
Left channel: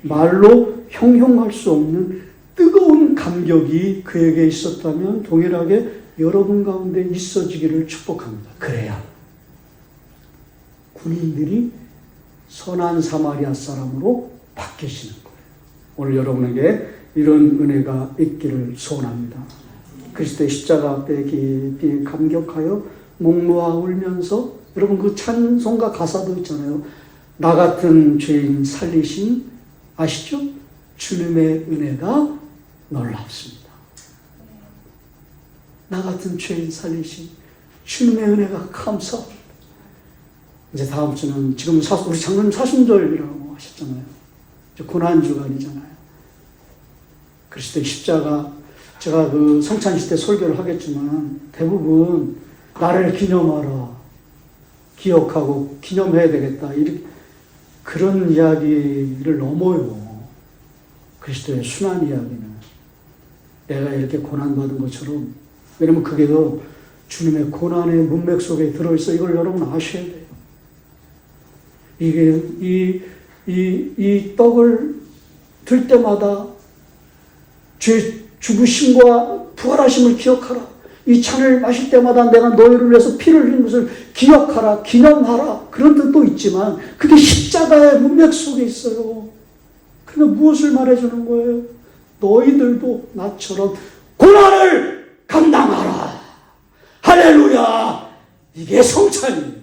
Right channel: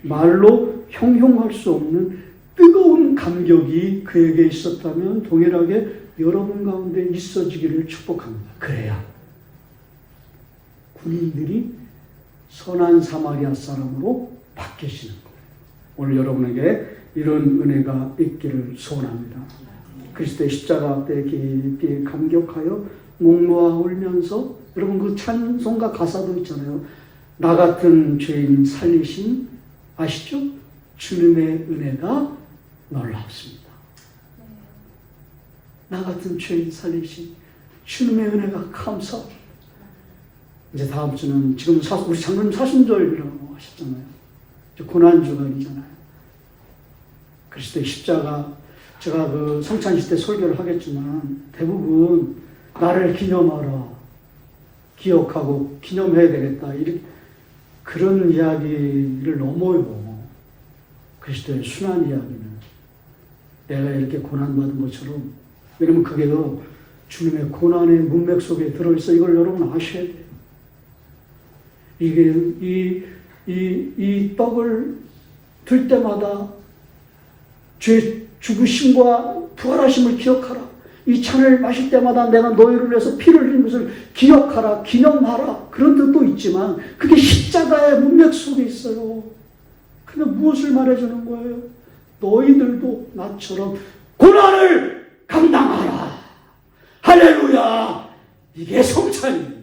말로 형용할 수 없는 뜨거운 감격이 그에게 있었다면 동일하게 여러분 가운데 있어지기를 축복합니다. 그래야 군인들이 선한 사마리아 사람으로 바뀌시는 거예요. 오늘 여러분에게 이런 은혜가 있기를 소원합니다. 그리스도의 십자가 앞에 깊이 감격하여 목 놓아 울면서, 여러분 그 찬송가 가사도 있잖아요. 나 같은 죄인 살리신, 아시죠? 주님의 은혜가 놀랍습니다. 나 같은 죄인 살리신 주님의 은혜가 감사합니다. 이제 다음 주는 지금 우리 장로님 사순절이라고 하셨잖아요. 이제 고난주간이잖아요. 그리스도의 십자가, 제가 그 성찬식 때 설교를 하겠지만 대부분 나를 기념하라, 기억하고 기념해야 되겠다, 이렇게 그런 이야기를 넘어요. 그리스도의 순환 이야기는 내가 이렇게 고난받은 것처럼, 여러분 그게도 주님의 고난의 문맥 속에 들어있어. 이걸 여러분 아셔야 돼요. 이게 이 떡을 들 때마다 주의 죽으심과 부활하심을 기억하라. 이 잔을 마실 때마다 내가 너희를 위해서 피를 흘린 것을 기억하라, 기념하라, 그런 뜻도 있지만 그게 십자가의 문맥 속에 있어요. 그러면 무엇을 말해주는 거예요? 너희들도 나처럼 고난을 감당하라. 할렐루야. 이게 성찬이에요.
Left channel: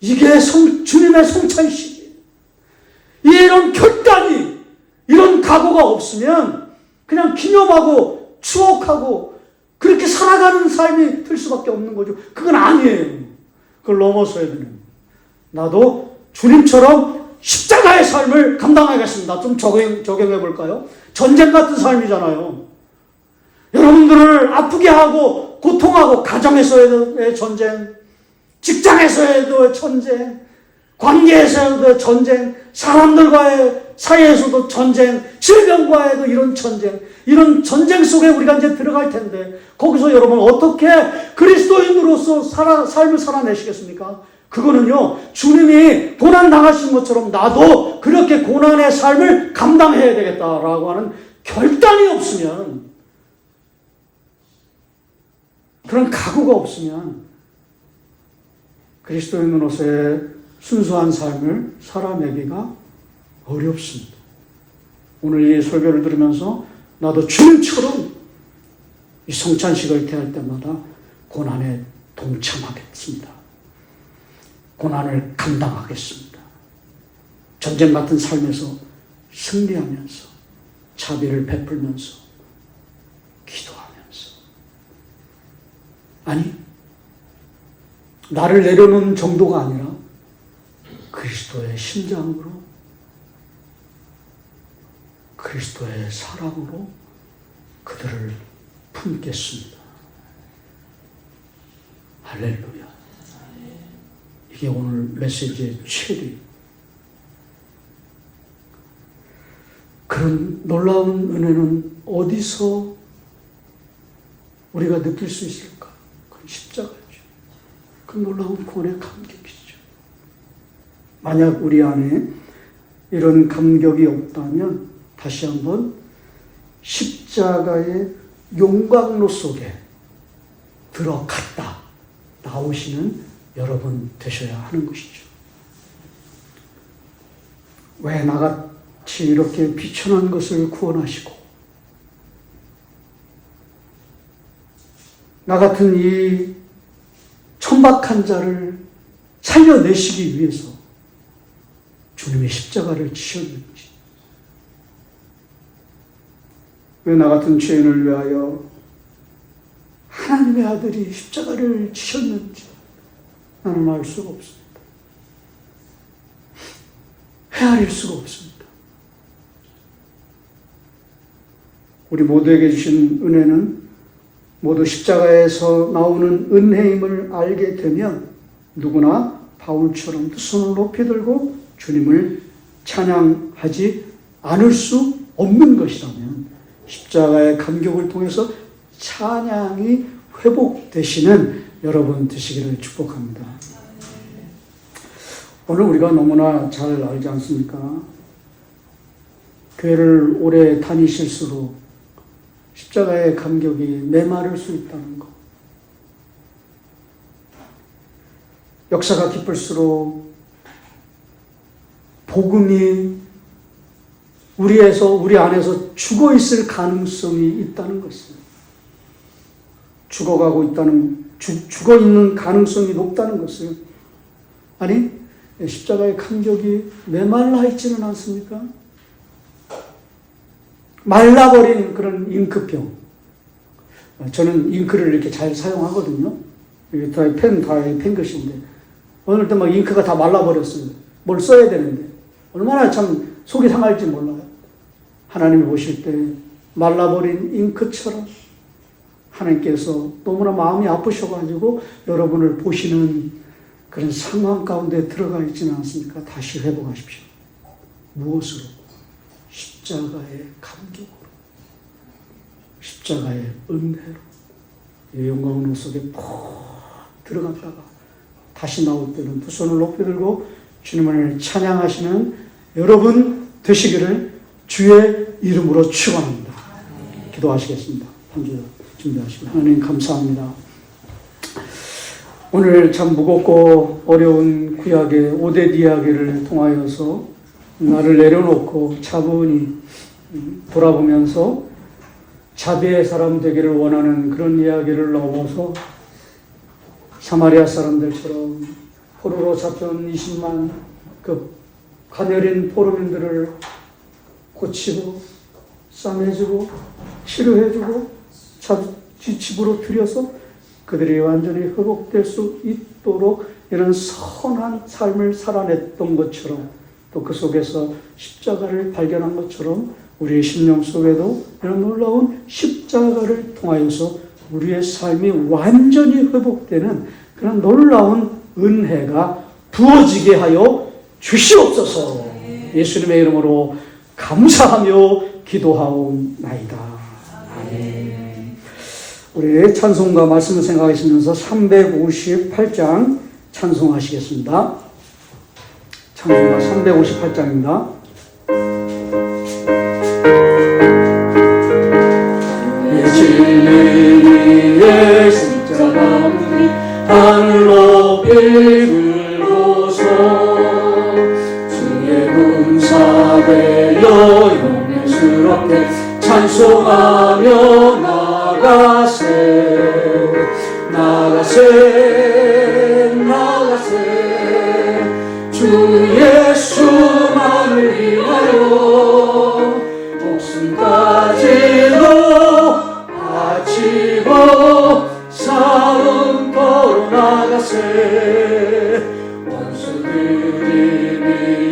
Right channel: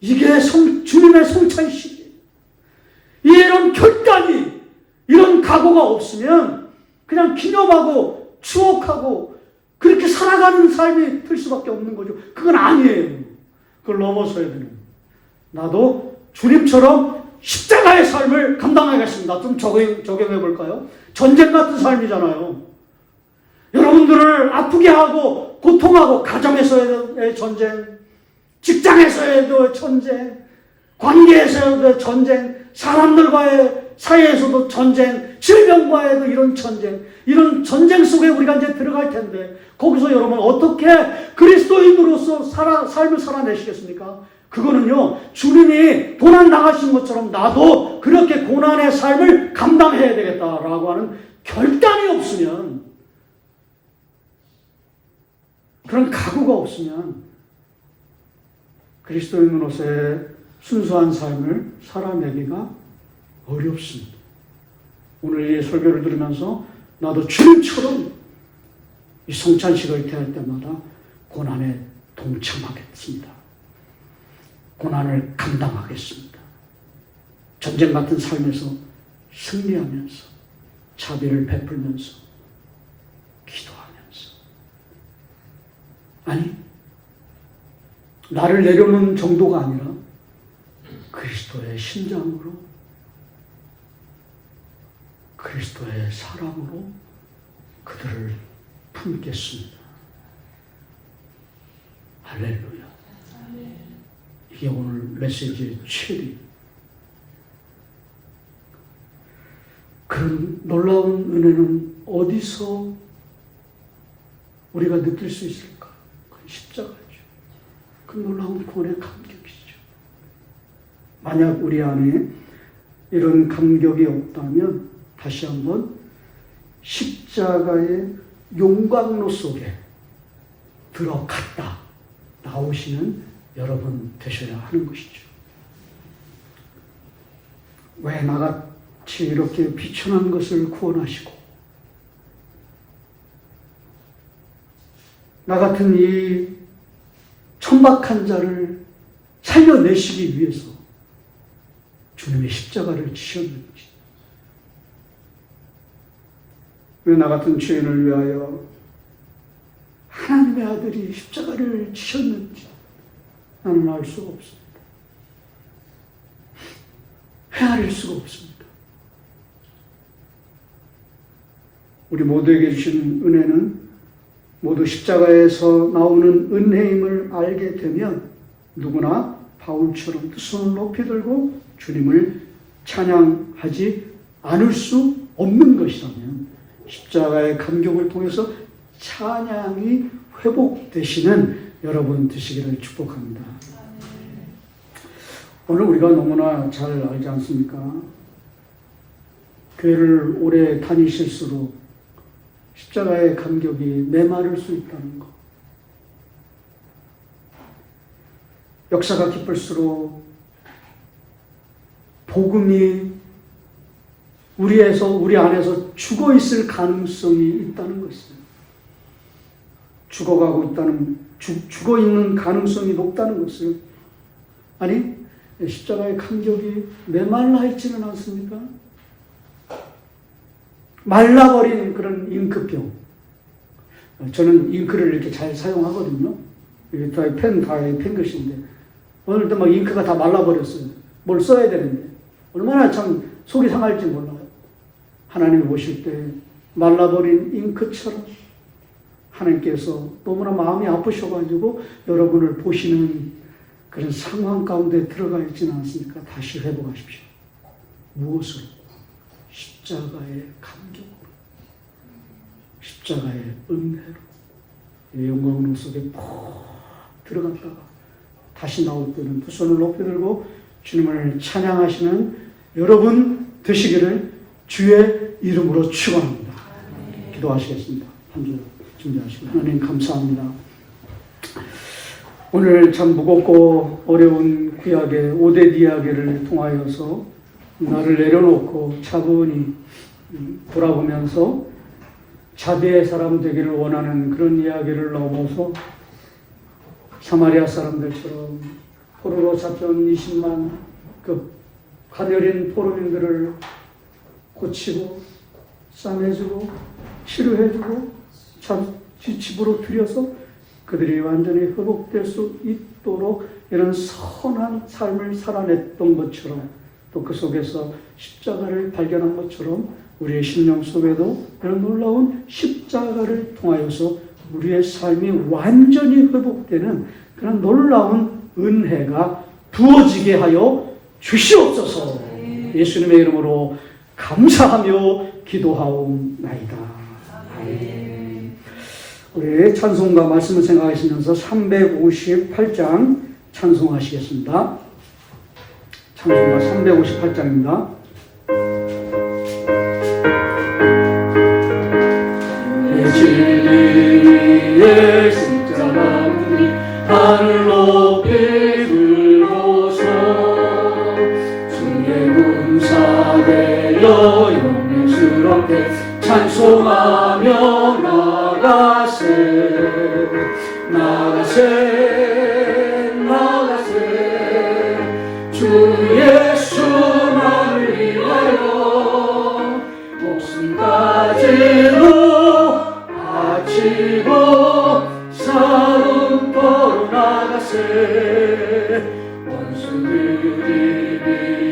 이게 주님의 성찬식이에요. 이런 결단이, 이런 각오가 없으면 그냥 기념하고 추억하고 그렇게 살아가는 삶이 될 수밖에 없는 거죠. 그건 아니에요. 그걸 넘어서야 되는 거예요. 나도 주님처럼 십자가의 삶을 감당하겠습니다. 좀 적용해 볼까요? 전쟁 같은 삶이잖아요. 여러분들을 아프게 하고 고통하고, 가정에서의 전쟁, 직장에서의 전쟁, 관계에서의 전쟁, 사람들과의 사이에서도 전쟁, 질병과에도 이런 전쟁, 이런 전쟁 속에 우리가 이제 들어갈 텐데, 거기서 여러분 어떻게 그리스도인으로서 삶을 살아내시겠습니까? 그거는요, 주님이 고난 당하신 것처럼 나도 그렇게 고난의 삶을 감당해야 되겠다라고 하는 결단이 없으면, 그런 각오가 없으면 그리스도인으로서의 순수한 삶을 살아내기가 어렵습니다. 오늘 이 설교를 들으면서 나도 주님처럼 이 성찬식을 대할 때마다 고난에 동참하겠습니다. 고난을 감당하겠습니다. 전쟁 같은 삶에서 승리하면서, 자비를 베풀면서, 기도하면서. 아니, 나를 내려놓는 정도가 아니라 그리스도의 심장으로, 그리스도의 사랑으로 그들을 품겠습니다. 할렐루야. 이게 오늘 메시지의 최대. 그런 놀라운 은혜는 어디서 우리가 느낄 수 있을까? 그건 십자가죠. 그 놀라운 구원의 감격이죠. 만약 우리 안에 이런 감격이 없다면 다시 한번 십자가의 용광로 속에 들어갔다 나오시는 여러분 되셔야 하는 것이죠. 왜 나같이 이렇게 비천한 것을 구원하시고, 나 같은 이 천박한 자를 살려내시기 위해서 주님의 십자가를 지셨는지, 왜 나 같은 죄인을 위하여 하나님의 아들이 십자가를 지셨는지 나는 알 수가 없습니다. 헤아릴 수가 없습니다. 우리 모두에게 주신 은혜는 모두 십자가에서 나오는 은혜임을 알게 되면 누구나 바울처럼 두 손을 높이 들고 주님을 찬양하지 않을 수 없는 것이라면, 십자가의 감격을 통해서 찬양이 회복되시는 여러분 되시기를 축복합니다. 오늘 우리가 너무나 잘 알지 않습니까? 교회를 오래 다니실수록 십자가의 감격이 메마를 수 있다는 것. 역사가 깊을수록 복음이 우리 안에서 죽어 있을 가능성이 있다는 것입니다. 죽어 있는 가능성이 높다는 것을, 아니, 십자가의 감격이 메말라 있지는 않습니까? 말라버리는 그런 잉크병, 저는 잉크를 이렇게 잘 사용하거든요. 이게 다 펜글씨인데 어느 때 막 잉크가 다 말라버렸어요. 뭘 써야 되는데 얼마나 참 속이 상할지 몰라요. 하나님이 보실 때 말라버린 잉크처럼 하나님께서 너무나 마음이 아프셔가지고 여러분을 보시는 그런 상황 가운데 들어가 있지는 않습니까? 다시 회복하십시오. 무엇으로? 십자가의 감격으로, 십자가의 은혜로, 이 영광 속에 푹 들어갔다가 다시 나올 때는 두 손을 높이 들고 주님을 찬양하시는 여러분 되시기를 주의 이름으로 축원합니다. 기도하시겠습니다. 한 주 준비하시고 하나님 감사합니다. 오늘 참 무겁고 어려운 구약의 오뎃 이야기를 통하여서 나를 내려놓고 차분히 돌아보면서 자비의 사람 되기를 원하는 그런 이야기를 넣어서 사마리아 사람들처럼 포로로 잡혀온 20만 그 가녀린 포로민들을 고치고 싸매주고 치료해주고 집으로 들여서 그들이 완전히 회복될 수 있도록 이런 선한 삶을 살아냈던 것처럼 또 그 속에서 십자가를 발견한 것처럼 우리의 심령 속에도 이런 놀라운 십자가를 통하여서 우리의 삶이 완전히 회복되는 그런 놀라운 은혜가 부어지게 하여 주시옵소서. 예수님의 이름으로 감사하며 기도하옵나이다. 아멘. 우리 찬송가 말씀을 생각하시면서 358장 찬송하시겠습니다. 찬송가 358장입니다. 진리의 십자가 무리 하늘 높이 들고서 주의 문사되어 영예스럽게 찬송하며 나가세 주 예수만을 위하여 목숨까지도 바치고 싸움터로 나가세 원수들이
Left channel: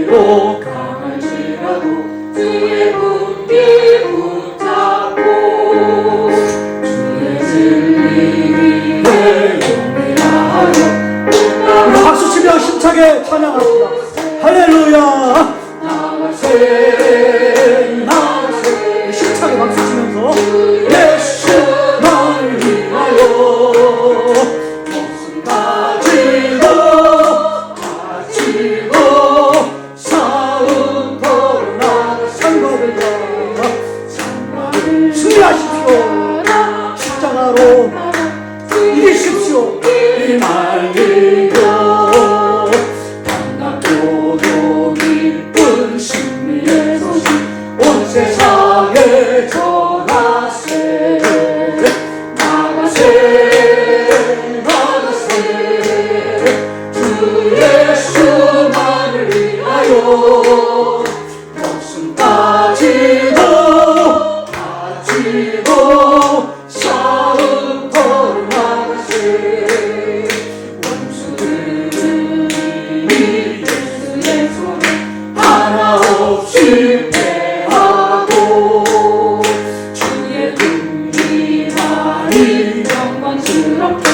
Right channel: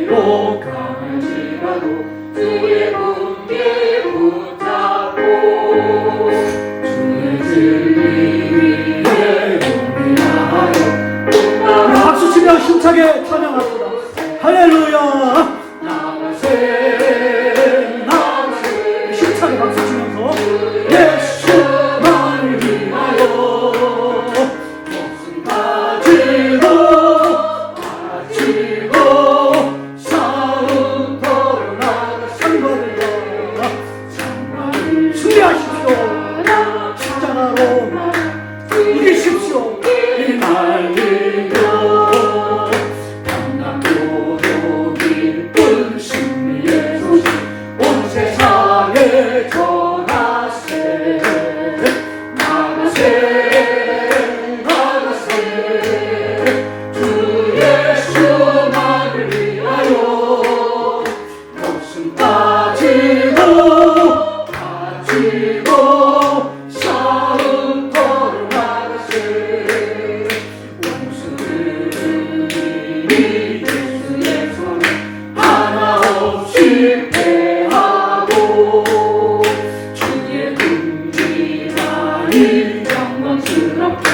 미혹할지라도 주의 군기 붙잡고 주의 진리 위에 영리하여 우리 박수 치며 힘차게 찬양합니다. 할렐루야. 나가세 힘차게 박수 치면서 예수만을 위하여 목숨까지도 바치고 싸움터로 나가상가를 승리하십시오. 십자가로 이기십시오. 이 말리고 반갑고도 기쁜 승리의 소식 온 세상에 전하세 나가세 주 예수만을 위하여 목숨까지도 바치고 싸움터로 나가세 원수들이 예수의 손 하나 없이 패하고 주의 긍지만이 영광스럽게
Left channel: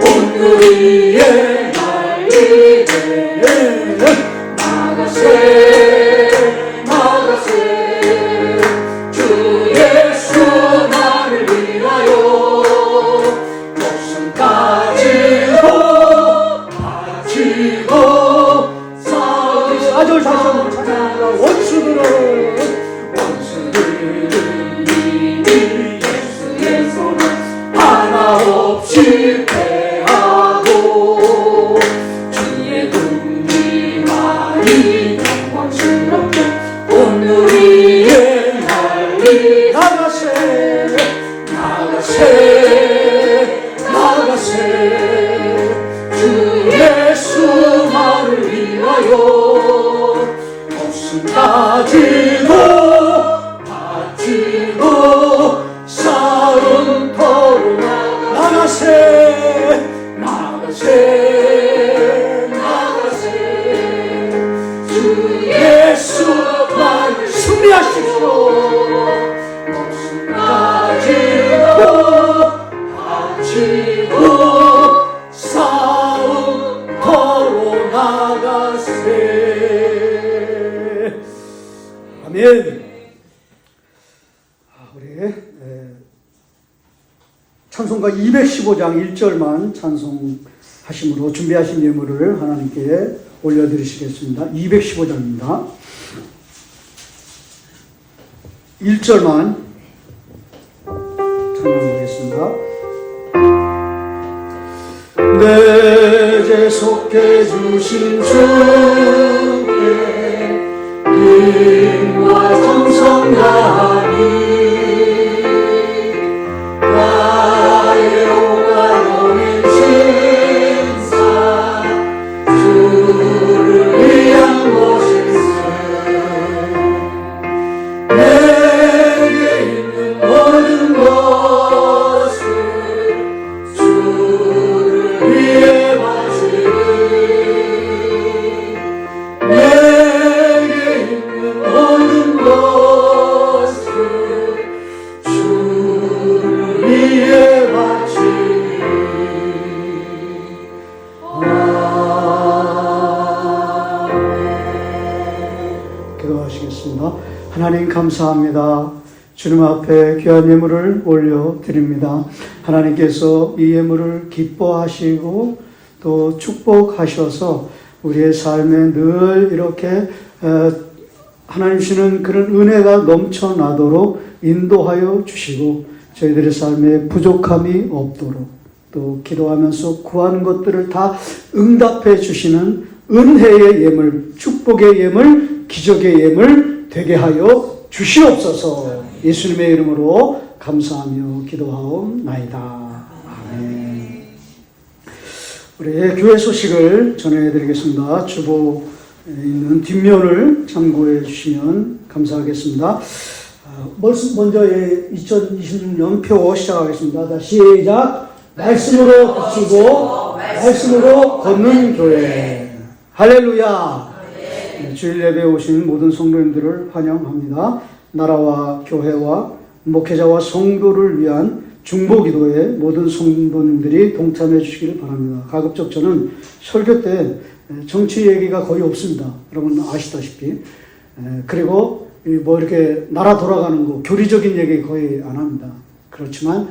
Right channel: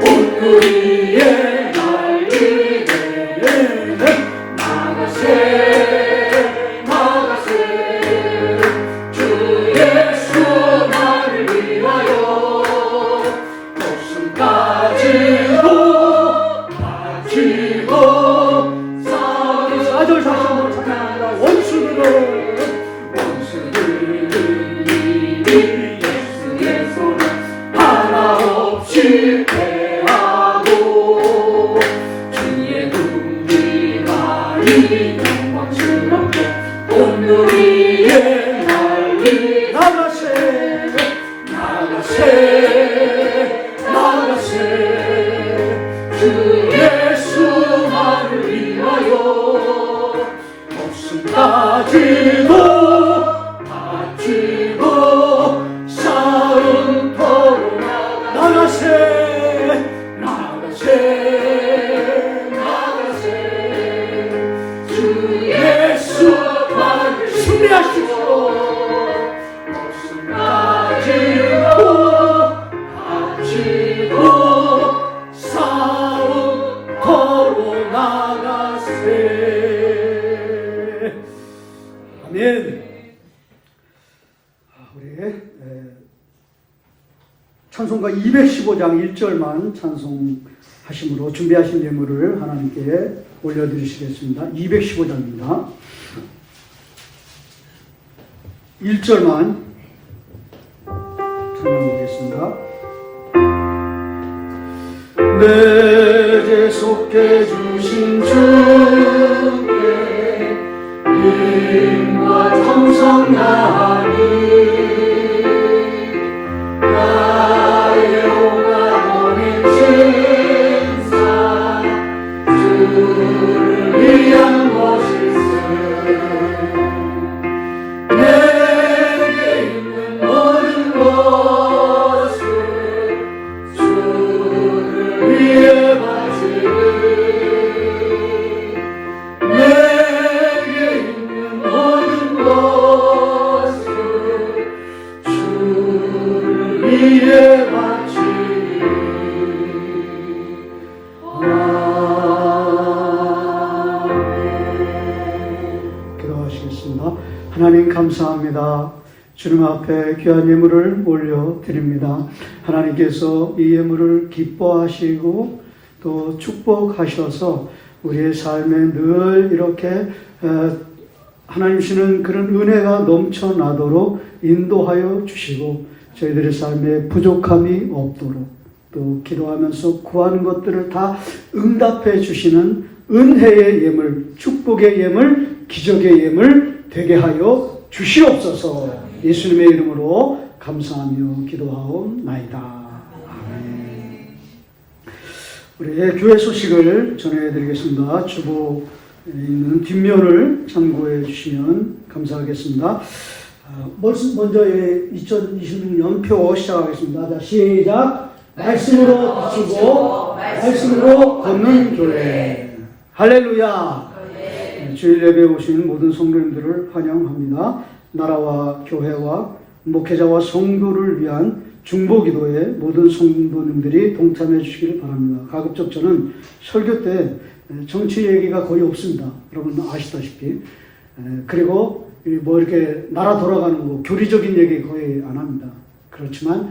온 우리의 날리게 나가세 주 예수만을 위하여 목숨까지도 바치고 싸우리 4절 다시 한번 찬양하라. 원수들이 예수의 손 하나 없이 패하고 주의 긍지만이 영광스럽게 온 우리의 날리 나가세 주 예수만을 위하여 목숨까지도 바치고 싸움터로 찬송가 215장 1절만 찬송하심으로 준비하신 예물을 하나님께 올려드리시겠습니다. 215장입니다. 1절만 찬송하겠습니다. 내 죄 속해 주신 주께 힘과 정성 다하니 나의 오가로운 신사 주를 위한 것일세 내게 있는 모든 것을 주를 위해 바치리 내게 있는 모든 것을 주를 위해 바치리 아멘. 기도하시겠습니다. 하나님 감사합니다. 주님 앞에 귀한 예물을 올려드립니다. 하나님께서 이 예물을 기뻐하시고 또 축복하셔서 우리의 삶에 늘 이렇게 하나님 주시는 그런 은혜가 넘쳐나도록 인도하여 주시고 저희들의 삶에 부족함이 없도록 또 기도하면서 구하는 것들을 다 응답해 주시는 은혜의 예물, 축복의 예물, 기적의 예물 되게 하여 주시옵소서. 예수님의 이름으로 감사하며 기도하옵나이다. 아멘. 우리 교회 소식을 전해드리겠습니다. 주보에 있는 뒷면을 참고해 주시면 감사하겠습니다. 먼저 2026년 표 시작하겠습니다. 자, 시작. 말씀으로 비추고 말씀으로 걷는 교회. 할렐루야. 주일 예배에 오신 모든 성도님들을 환영합니다. 나라와 교회와 목회자와 성도를 위한 중보기도에 모든 성도님들이 동참해 주시기를 바랍니다. 가급적 저는 설교 때 정치 얘기가 거의 없습니다. 여러분 아시다시피. 그리고 뭐 이렇게 나라 돌아가는 거 교리적인 얘기 거의 안 합니다. 그렇지만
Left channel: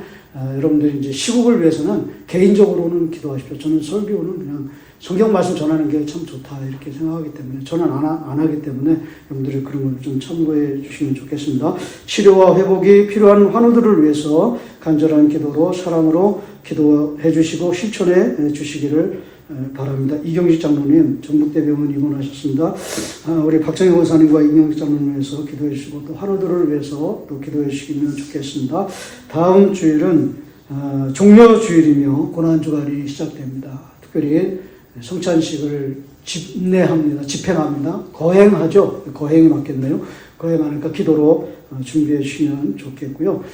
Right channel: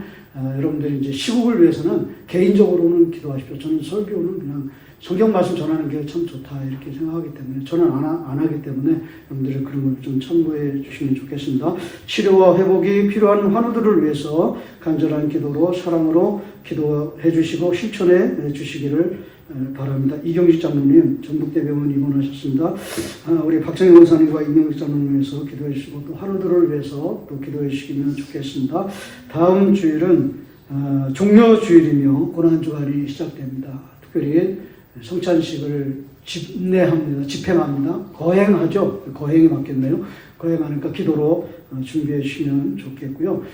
여러분들이 이제 시국을 위해서는 개인적으로는 기도하십시오. 저는 설교는 그냥 성경 말씀 전하는 게 참 좋다 이렇게 생각하기 때문에 저는 안 하기 때문에 여러분들이 그런 걸 좀 참고해 주시면 좋겠습니다. 치료와 회복이 필요한 환우들을 위해서 간절한 기도로 사랑으로 기도해 주시고 실천해 주시기를 바랍니다. 이경식 장로님 전북대병원 입원하셨습니다. 우리 박정희 원사님과 이경식 장로를 위해서 기도해 주시고 또 환우들을 위해서 또 기도해 주시면 좋겠습니다. 다음 주일은 종려 주일이며 고난주간이 시작됩니다. 특별히 성찬식을 집행합니다. 거행하죠. 거행이 맞겠네요. 거행하니까 기도로 준비해 주시면 좋겠고요.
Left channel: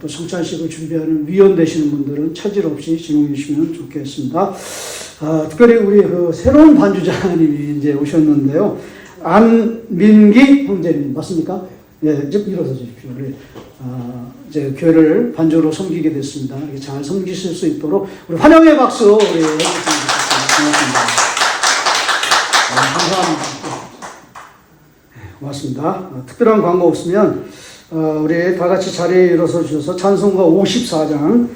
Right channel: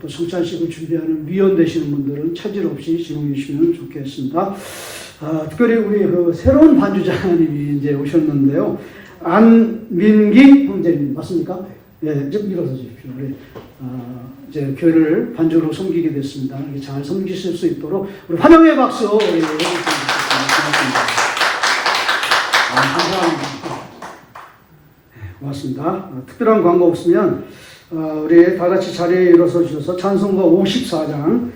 또 성찬식을 준비하는 위원 되시는 분들은 차질 없이 진행해 주시면 좋겠습니다. 특별히 우리 새로운 반주자님이 이제 오셨는데요. 안민기 형제님 맞습니까? 네, 좀 일어서 주십시오. 이제 교회를 반주로 섬기게 됐습니다. 잘 섬기실 수 있도록 우리 환영의 박수 해주시면 고맙습니다. 감사합니다. 고맙습니다. 특별한 광고 없으면 우리 다 같이 자리에 일어서 주셔서 찬송가 54장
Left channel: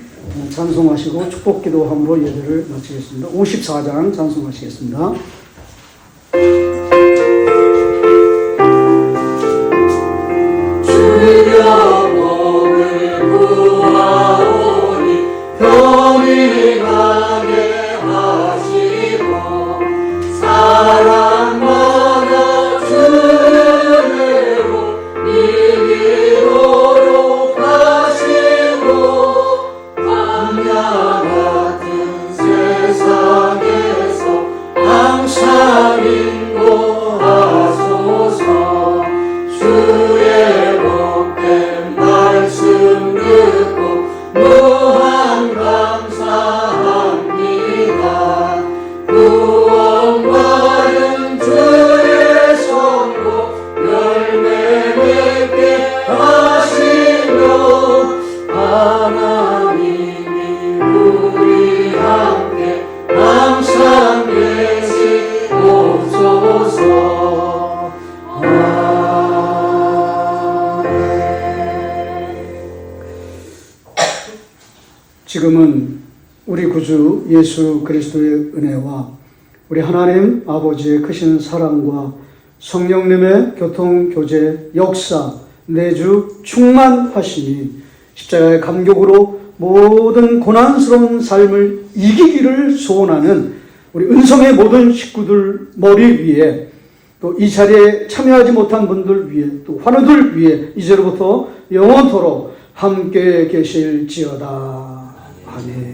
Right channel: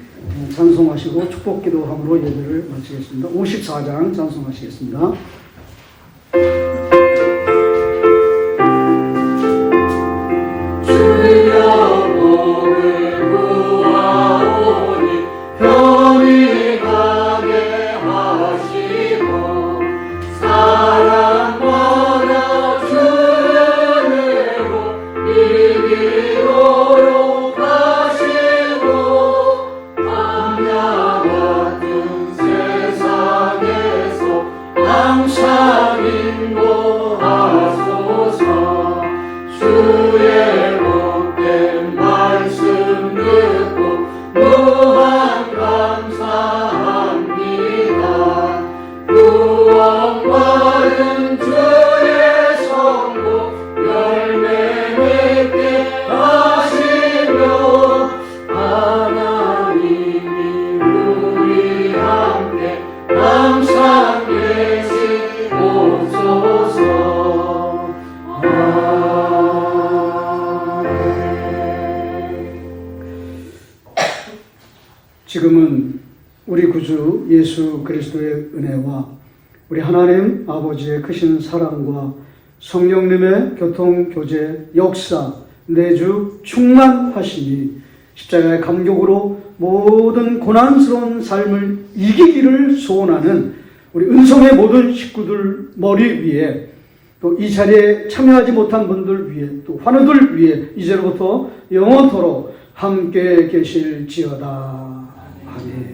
찬송하시고 축복기도함으로 예배를 마치겠습니다. 54장 찬송하시겠습니다. 주여 복을 구하오니 편히 가게 하시고 사랑만한 주례로 이기도록 하시고 광야 같은 세상에서 항상 인도하소서. 주의 복된 말씀 듣고 무한 감사합니다. 구원받은 주의 성도 열매 맺게 하시며 하나님이 우리 함께 항상 계시옵소서. 지금은 우리 구주 예수 그리스도의 은혜와 우리 하나님 아버지의 크신 사랑과 성령님의 교통교제 역사 내주 충만하시니 십자가의 감격으로 모든 고난스러운 삶을 이기기를 소원하는 우리 은성의 모든 식구들 머리 위에 또 이 자리에 참여하지 못한 분들 위에 또 환우들 위에 이제로부터 영원토록 함께 계실지어다. 아멘.